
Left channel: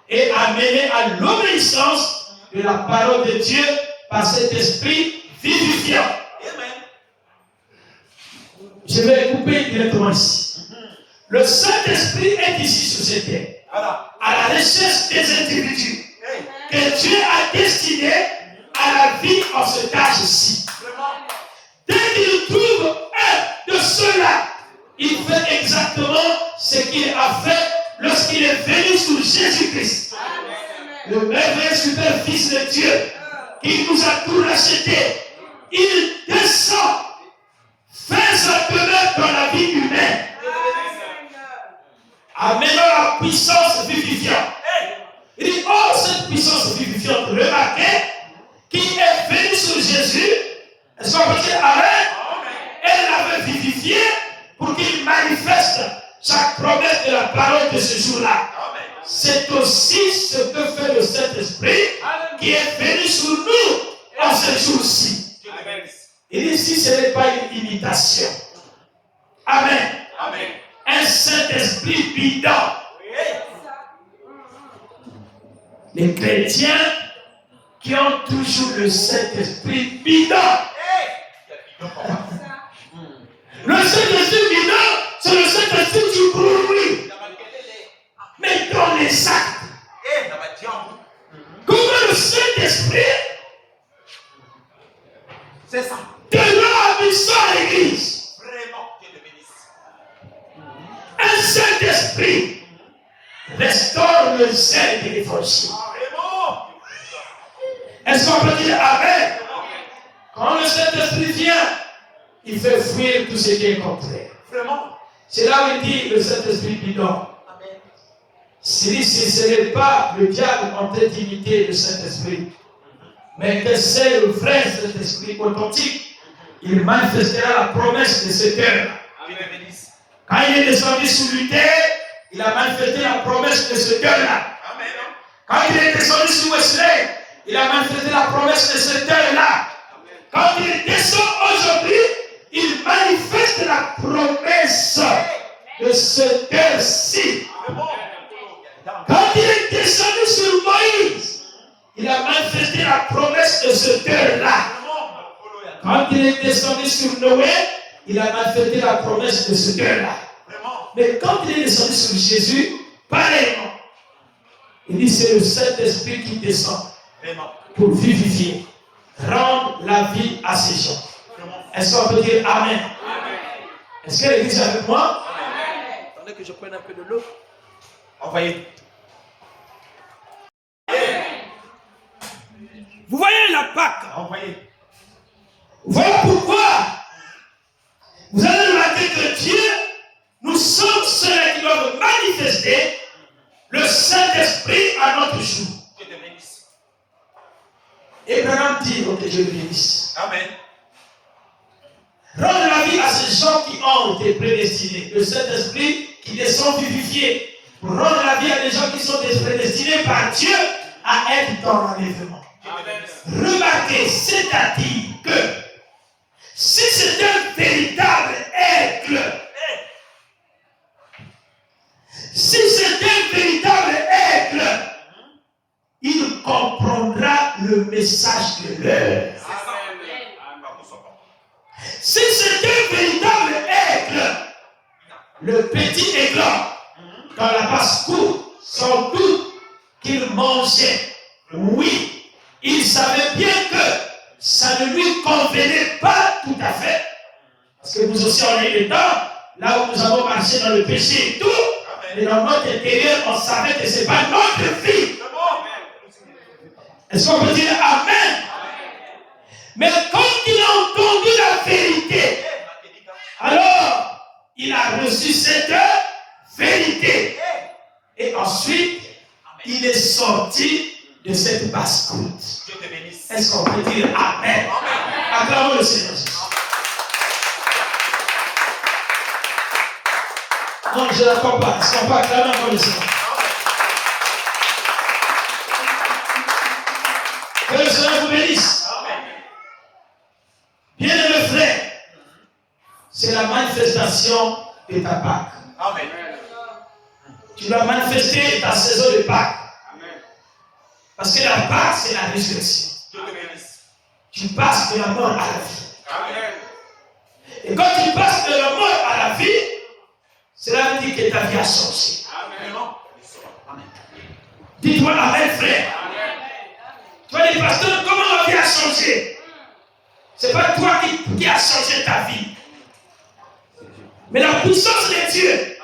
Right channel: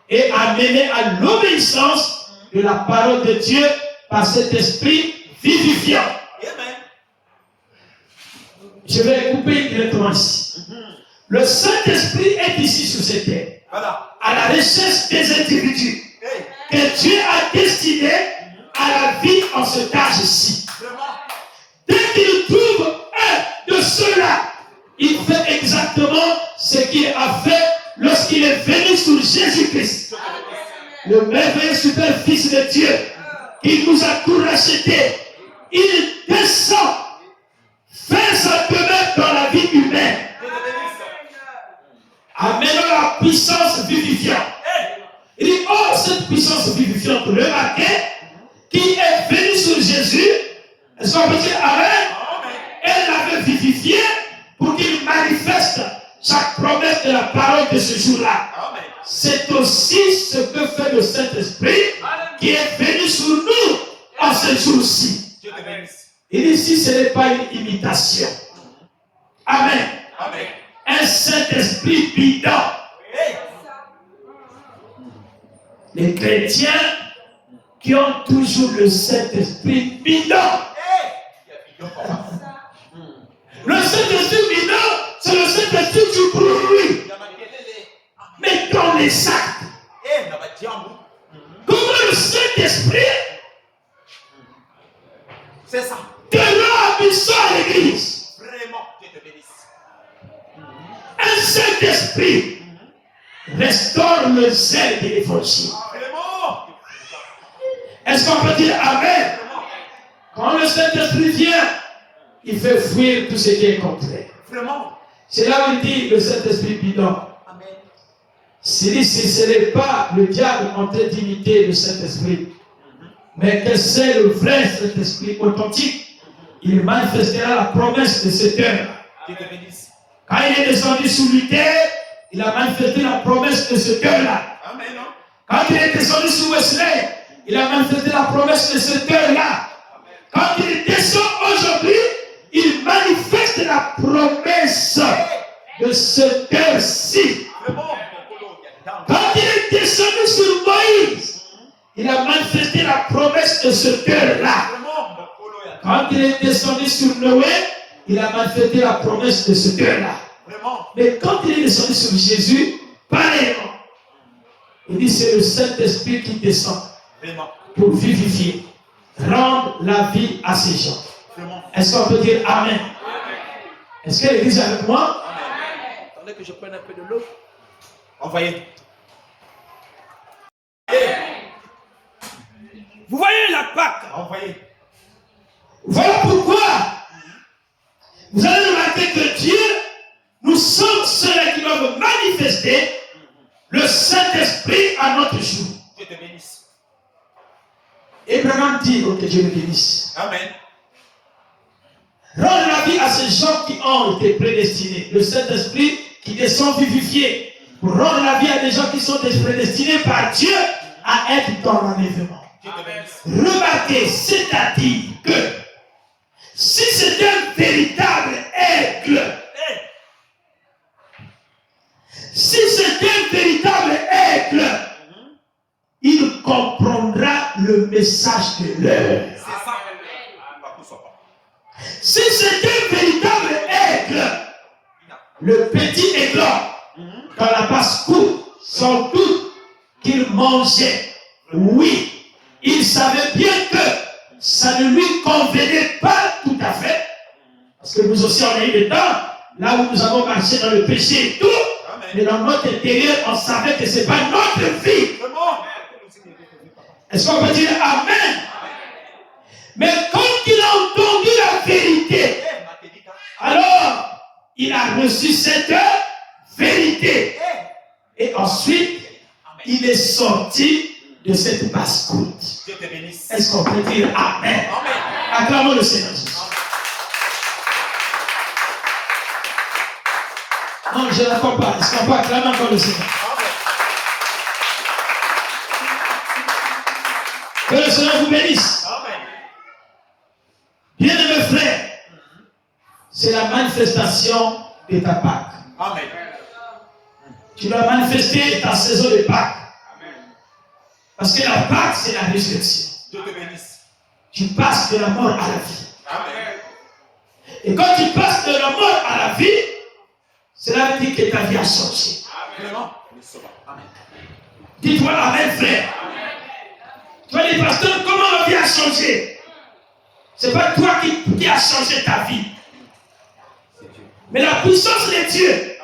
Et amené à l'obéissance de la parole de Dieu par cet esprit vivifiant. Amen. Je vais le couper directement ici. Le Saint-Esprit est ici sur cette terre. Voilà. À la recherche des individus Hey. que Dieu a destinés à la vie en cet âge-ci. Vraiment. Dès qu'il trouve un de ceux-là, il fait exactement ce qu'il a fait lorsqu'il est venu sur Jésus-Christ. Le merveilleux super fils de Dieu qui nous a tout racheté. Il descend, fait sa demeure dans la vie humaine, amenant la puissance vivifiante. Il dit, oh, cette puissance vivifiante, remarquez, qui est venue sur Jésus, est-ce qu'on peut dire Amen? Elle l'avait vivifié pour qu'il manifeste chaque promesse de la parole de ce jour-là. C'est aussi ce que fait le Saint-Esprit qui est venu sur nous en ce jour-ci. Il dit, si ce n'est pas une imitation. Amen. Amen. Un Saint-Esprit bidon. Les chrétiens qui ont toujours le Saint-Esprit bidon. Le Saint-Esprit bidon, c'est le Saint-Esprit du bruit. Mais dans les actes, comment le Saint-Esprit c'est ça. te rend puissant à l'église? Vraiment, Dieu te bénisse. Un Saint-Esprit restaure le zèle de l'évangile. Vraiment. Est-ce qu'on peut dire Amen? Quand le Saint-Esprit vient, il fait fuir tout ce qui est contraire. Vraiment. C'est là où il dit le Saint-Esprit bidon. Amen. Si ce n'est pas le diable en train d'imiter le Saint-Esprit, mais que c'est le vrai Saint-Esprit authentique, il manifestera la promesse de ce cœur. Dieu te bénisse. Quand il est descendu sur Luther, il a manifesté la promesse de ce cœur-là. Amen. Quand il est descendu sur Wesley, il a manifesté la promesse de ce cœur-là. Quand il descend aujourd'hui, il manifeste la promesse de ce cœur-ci. Vraiment. Quand il est descendu sur Moïse, il a manifesté la promesse de ce cœur-là. Quand il est descendu sur Noé, il a manifesté la promesse de ce cœur-là. Mais quand il est descendu sur Jésus, pareillement, il dit c'est le Saint-Esprit qui descend pour vivifier, rendre la vie à ces gens. Est-ce qu'on peut dire Amen? Est-ce que l'église est avec moi? Attendez que je prenne un peu de l'eau. Envoyez. Vous voyez la Pâque? Envoyez. Voilà pourquoi vous allez remarquer que Dieu, nous sommes ceux qui doivent manifester le Saint-Esprit à notre jour. Dieu te bénisse. Abraham dit, ok, Dieu le bénisse. Amen. Rendre la vie à ces gens qui ont été prédestinés. Le Saint-Esprit qui descend vivifié. Pour rendre la vie à des gens qui sont prédestinés par Dieu à être dans l'enlèvement. Remarquez, c'est-à-dire que si c'est un véritable aigle, si c'est un véritable aigle, il comprendra le message de l'heure. Si c'est un véritable aigle, le petit aiglon, dans la basse-cour, sans doute qu'il mangeait, oui, il savait bien que ça ne lui convenait pas tout à fait. Parce que nous aussi, on a eu le temps, là où nous avons marché dans le péché et tout, mais dans notre intérieur, on savait que ce n'est pas notre vie. Est-ce qu'on peut dire Amen? Mais quand il a entendu la vérité, alors il a reçu cette vérité. Et ensuite, il est sorti de cette basse-cour. Est-ce qu'on peut dire Amen? Acclamons le Seigneur Jésus. Non, je ne l'accorde pas. Est-ce qu'on peut acclamer encore le Seigneur? Que le Seigneur vous bénisse. Bien-aimés frères, c'est la manifestation de ta Pâque. Amen. Tu dois manifester ta saison de Pâques. Parce que la Pâque, c'est la résurrection. Dieu te bénisse. Tu passes de la mort à la vie. Amen. Et quand tu passes de la mort à la vie, cela veut dire que ta vie a changé. Amen. Amen. Dites-moi Amen, frère. Amen. Tu vas dire, pasteur, comment ma vie a changé? Ce n'est pas toi qui a changé ta vie. Mais la puissance de Dieu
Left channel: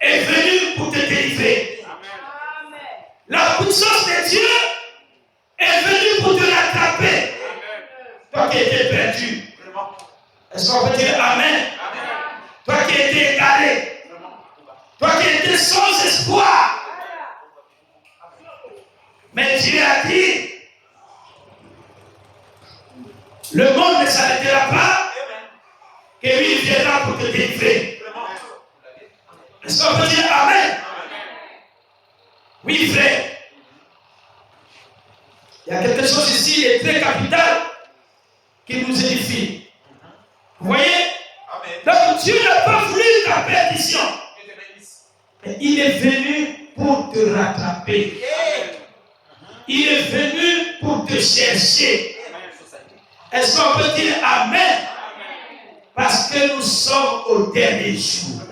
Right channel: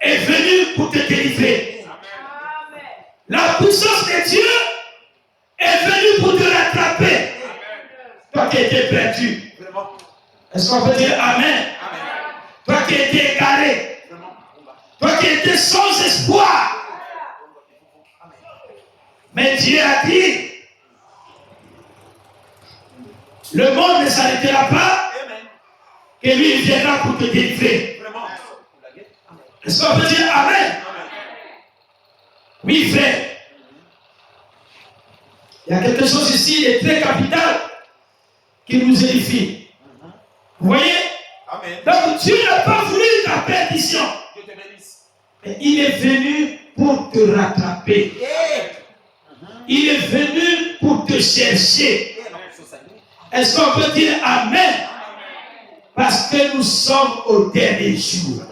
est venue pour te délivrer. Amen. La puissance de Dieu est venue pour te rattraper. Toi qui étais perdu. Est-ce qu'on peut dire Amen? Toi qui étais égaré. Toi qui étais sans espoir. Mais Dieu a dit, le monde ne s'arrêtera pas, que lui il viendra pour te délivrer. Est-ce qu'on peut dire Amen? Oui, frère. Il y a quelque chose ici de très capital qui nous édifie. Vous voyez? Donc Dieu n'a pas voulu ta perdition. Mais il est venu pour te rattraper. Il est venu pour te chercher. Est-ce qu'on peut dire Amen? Parce que nous sommes au dernier jour.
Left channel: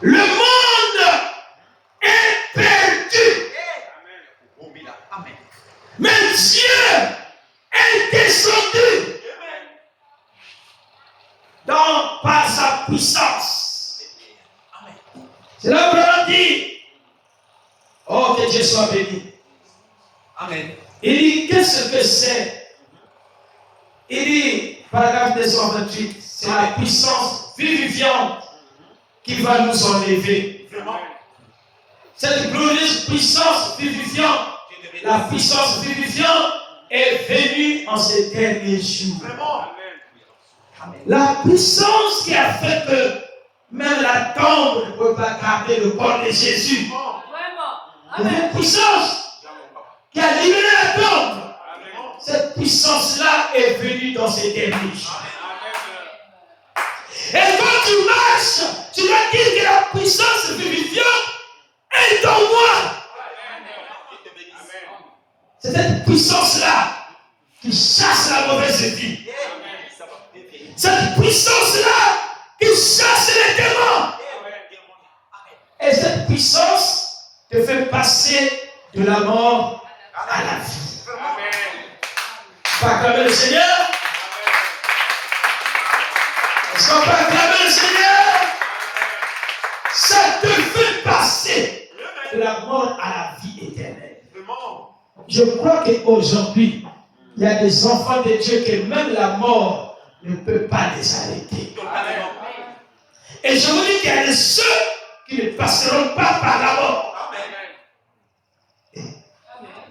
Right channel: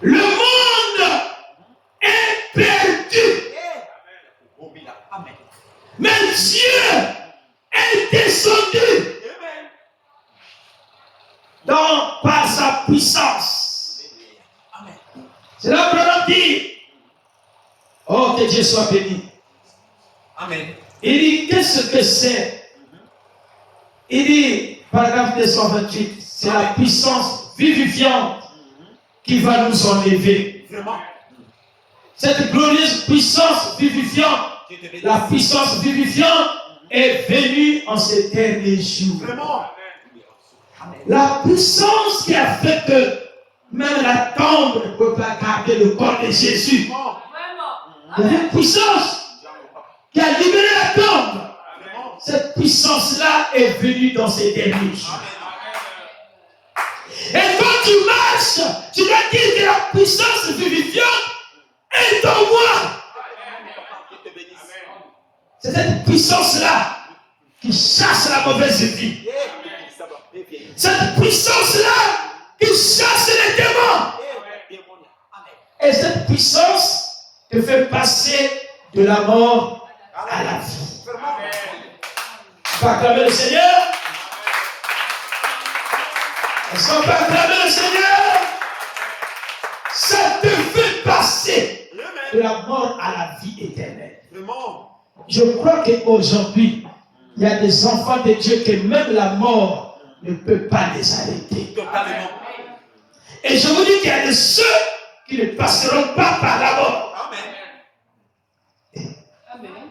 Le monde est perdu. Mais Dieu est descendu par sa puissance. C'est là où on dit, oh, que Dieu soit béni. Amen. Il dit, qu'est-ce que c'est? Il dit, paragraphe 228, c'est la puissance vivifiante qui va nous enlever. Cette glorieuse puissance vivifiante, la puissance vivifiante est venue en ces derniers jours. La puissance qui a fait que même la tombe ne peut pas garder le corps de Jésus. Une puissance qui a libéré la tombe. Cette puissance-là est venue dans ces derniers jours. Et quand tu marches, tu dois dire que la puissance vivifiante est en moi. C'est cette puissance-là qui chasse la mauvaise vie. Cette puissance-là qui chasse les démons. Et cette puissance te fait passer de la mort à la vie. Tu vas acclamer le Seigneur? Est-ce qu'on peut acclamer le Seigneur? Ça te fait passer de la mort à la vie éternelle. Je crois qu'aujourd'hui, il y a des enfants de Dieu que même la mort ne peut pas les arrêter. Et je vous dis qu'il y a de ceux qui ne passeront pas par la mort.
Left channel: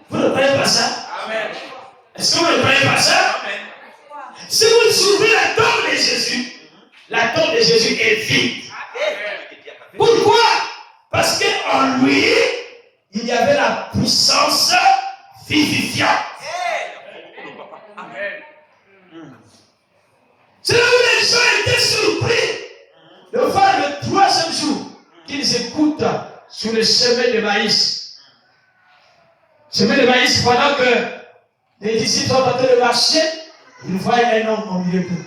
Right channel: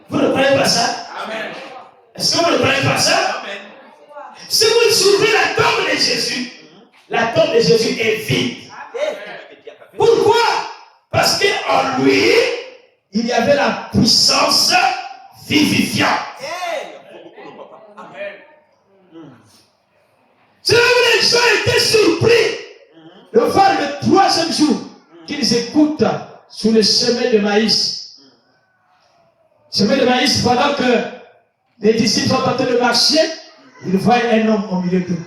Vous ne croyez pas ça? Est-ce que vous ne croyez pas ça? Si vous trouvez la tombe de Jésus, la tombe de Jésus est vide. Pourquoi? Parce qu'en lui, il y avait la puissance vivifiante. C'est là où les gens étaient surpris de voir le troisième jour qu'ils écoutent sur le chemin de maïs. Chemin de maïs, pendant que les disciples sont en train de marcher, ils voient un homme au milieu d'eux.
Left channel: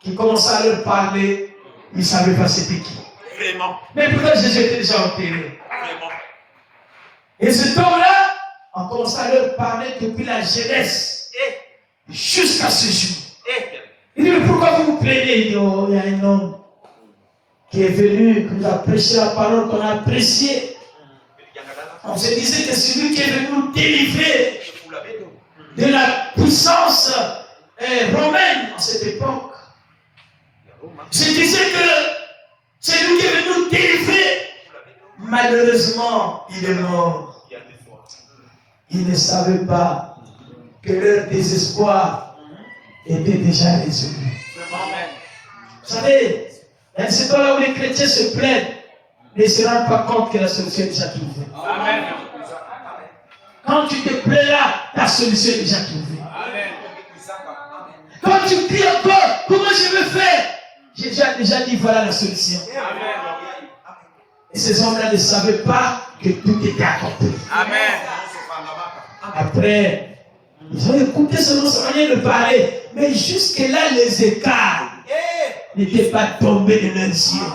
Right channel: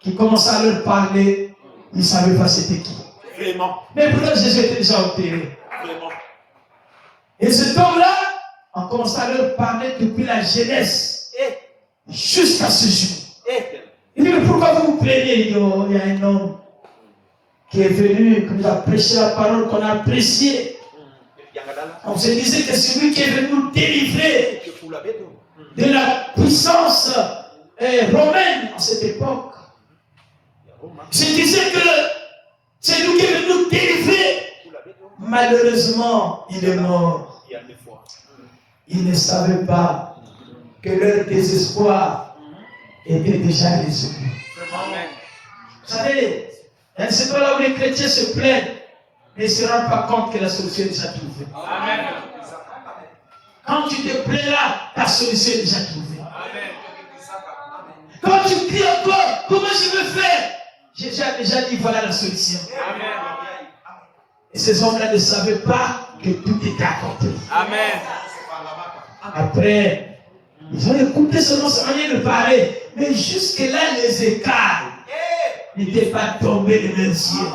Qui commençait à leur parler, ils ne savaient pas c'était qui. Mais pourquoi Jésus était déjà enterré? Et cet homme-là, on commençait à leur parler depuis la jeunesse jusqu'à ce jour. Il dit, mais pourquoi vous vous plaignez? Il dit, oh, il y a un homme qui est venu, qui nous a prêché la parole qu'on a appréciée. On se disait que c'est lui qui est venu nous délivrer de la puissance romaine en cette époque. Je disais que c'est lui qui est venu nous délivrer. Malheureusement, il est mort. Il ne savait pas que leur désespoir était déjà résolu. Vous savez, c'est là où les chrétiens se plaignent, ne se rendent pas compte que la solution est déjà trouvée. Quand tu te plais là, la solution est déjà trouvée. Quand tu cries encore, comment je vais faire? J'ai déjà dit, voilà la solution. Et ces hommes-là ne savaient pas que tout était accompli. Après, ils ont écouté seulement sa manière de parler. Mais jusque-là, les écailles n'étaient pas tombés de leurs yeux.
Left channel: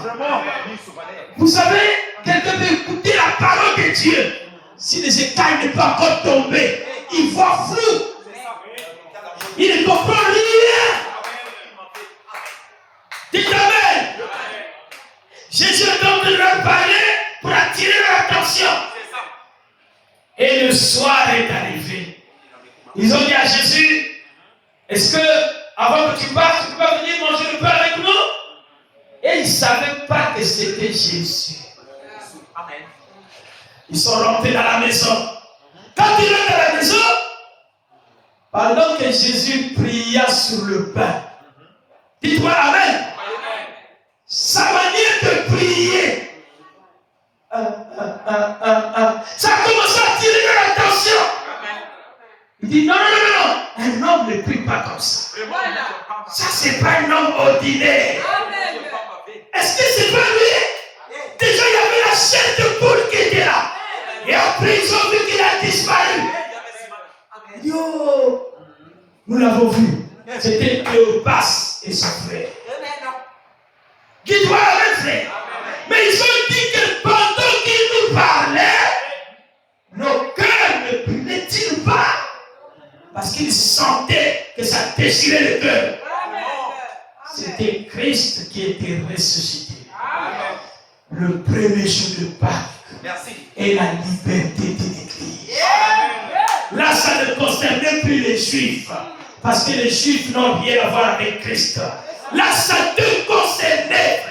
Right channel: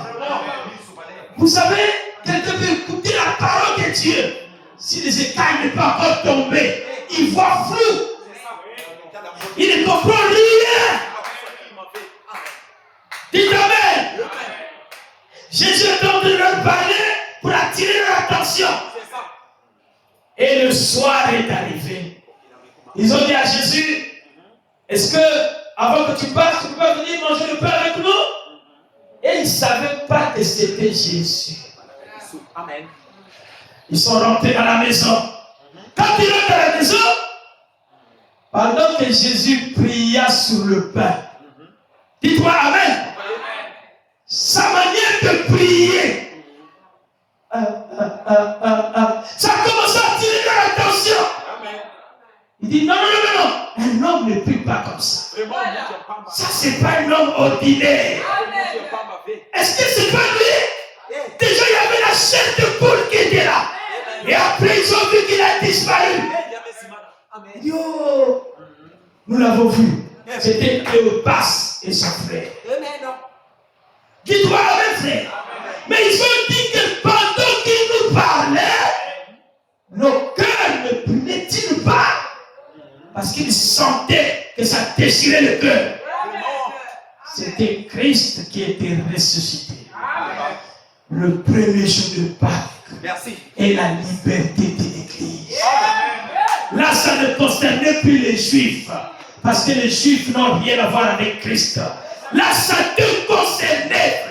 Vous savez, quelqu'un peut écouter la parole de Dieu. Si les écailles ne peuvent pas encore tomber, il voit flou. Il ne comprend rien. Dites Amen. Jésus est en train de leur parler pour attirer leur attention. Et le soir est arrivé. Ils ont dit à Jésus, est-ce que avant que tu partes, tu peux pas venir manger le pain avec nous? Et ils ne savaient pas que c'était Jésus. Ils sont rentrés dans la maison. Quand ils rentrent dans la maison, pendant que Jésus pria sur le pain, dis-toi Amen. Sa manière de prier, ça commence à attirer leur attention. Il dit non, un homme ne prie pas comme ça. Ça, c'est pas un homme ordinaire. Est-ce que c'est pas lui? Déjà, il y avait la chair de poule qui était là. Et après, ils ont vu qu'il a disparu. Yo, nous l'avons vu. C'était Cléopas et son frère. Dis-toi Amen, frère. Mais ils ont dit que pendant qu'ils nous parlaient, nos cœurs ne brûlaient-ils pas? Parce qu'ils sentaient que ça déchirait le cœur. C'était Christ qui était ressuscité. Le premier jour de Pâques. Et la liberté de l'Église. Là, ça ne concernait plus les Juifs. Parce que les Juifs n'ont rien à voir avec Christ. Là, ça te concernait.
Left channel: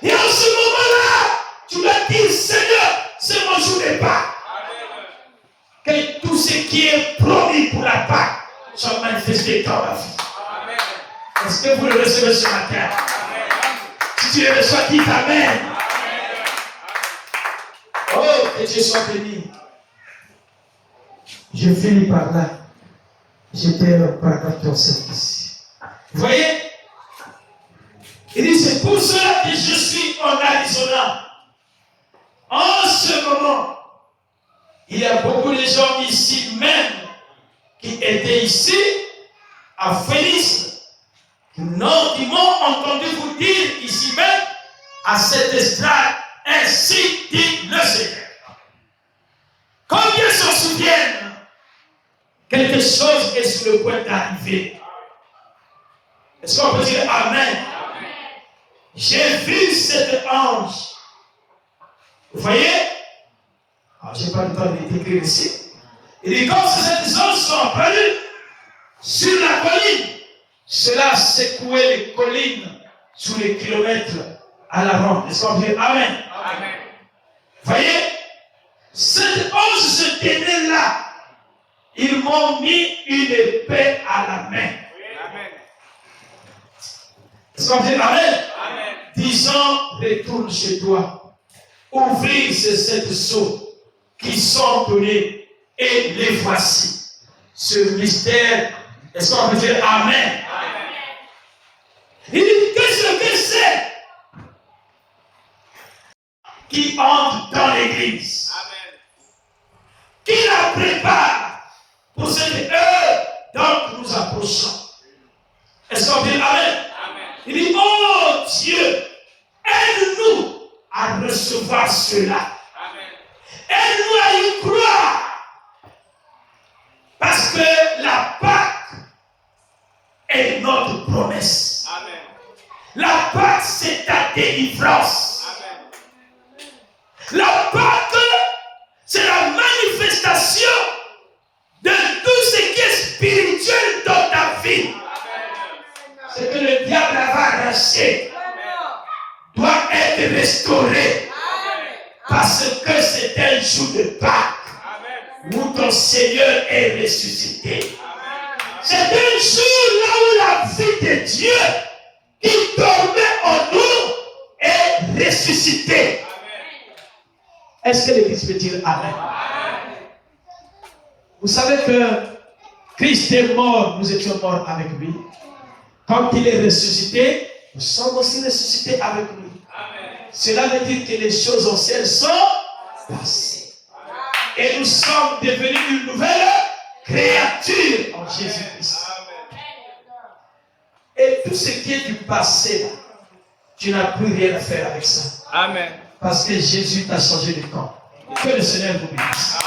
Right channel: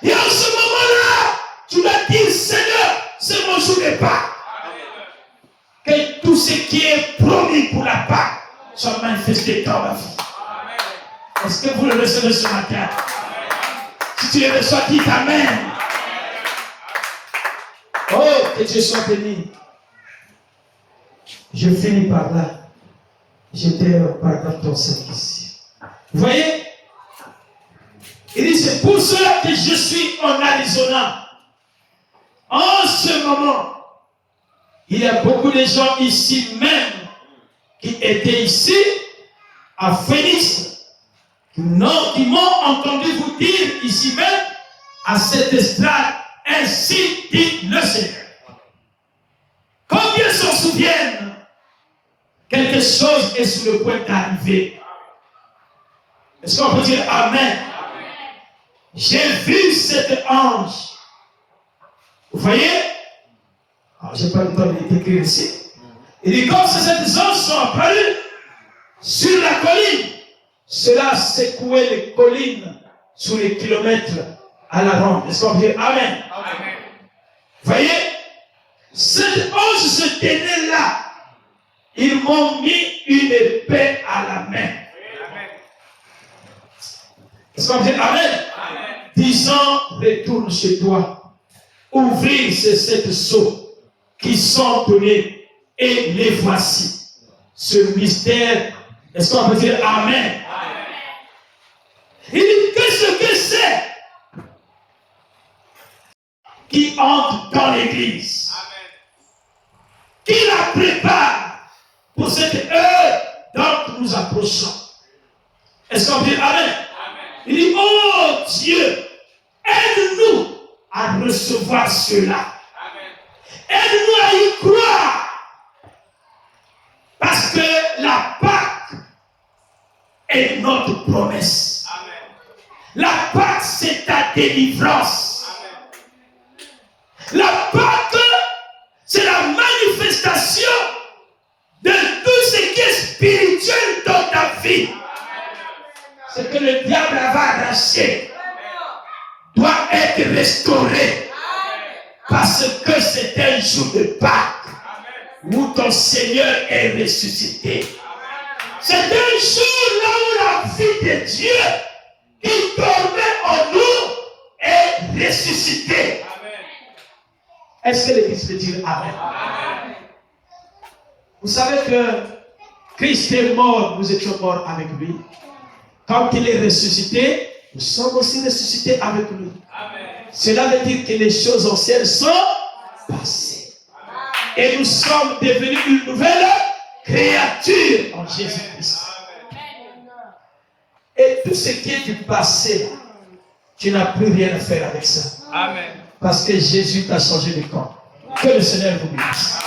Et en ce moment-là, tu vas dire, Seigneur, c'est mon jour de Pâques. Que tout ce qui est promis pour la Pâques soit manifesté dans ma vie. Est-ce que vous le recevez ce matin? Si tu le reçois, dis Amen. Oh, que Dieu soit béni. Je finis par là. J'étais par 14 ici. Vous voyez? Il dit, c'est pour cela que je suis en Arizona. En ce moment, il y a beaucoup de gens ici même qui étaient ici à Phoenix, qui m'ont entendu vous dire ici même à cette estrade, ainsi dit le Seigneur. Combien s'en souviennent? Quelque chose est sur le point d'arriver. Est-ce qu'on peut dire Amen? J'ai vu cet ange. Vous voyez? Je n'ai pas le temps d'écrire ici. Il dit, quand ces anges sont apparus sur la colline, cela secouait les collines sur les kilomètres à la ronde. Est-ce qu'on peut dire Amen? Amen. Vous voyez? Cet ange se tenait là. Ils m'ont mis une épée à la main. Amen. Est-ce qu'on peut dire Amen? Amen. Disant, retourne chez toi. Ouvrir ces 7 sceaux qui sont tenus et les voici. Ce mystère, est-ce qu'on peut dire Amen? Amen. Il dit, qu'est-ce que c'est qui entre dans l'église? Amen. Qui la prépare pour cette heure dont nous approchons? Est-ce qu'on peut dire Amen? Amen. Il dit, oh Dieu, aide-nous à recevoir cela. Amen. Aide-nous à y croire. Parce que la Pâque est notre promesse. Amen. La Pâque, c'est ta délivrance. Amen. La Pâque, c'est la manifestation de tout ce qui est spirituel dans ta vie. Ce que le diable avait arraché doit être restauré. Parce que c'est un jour de Pâques où ton Seigneur est ressuscité. C'est un jour là où la vie de Dieu qui dormait en nous est ressuscitée. Est-ce que l'Église peut dire Amen? Vous savez que Christ est mort, nous étions morts avec lui. Quand il est ressuscité, nous sommes aussi ressuscités avec lui. Cela veut dire que les choses anciennes sont passées. Et nous sommes devenus une nouvelle créature en Jésus-Christ. Et tout ce qui est du passé, là, tu n'as plus rien à faire avec ça. Amen. Parce que Jésus t'a changé de camp. Que le Seigneur vous bénisse.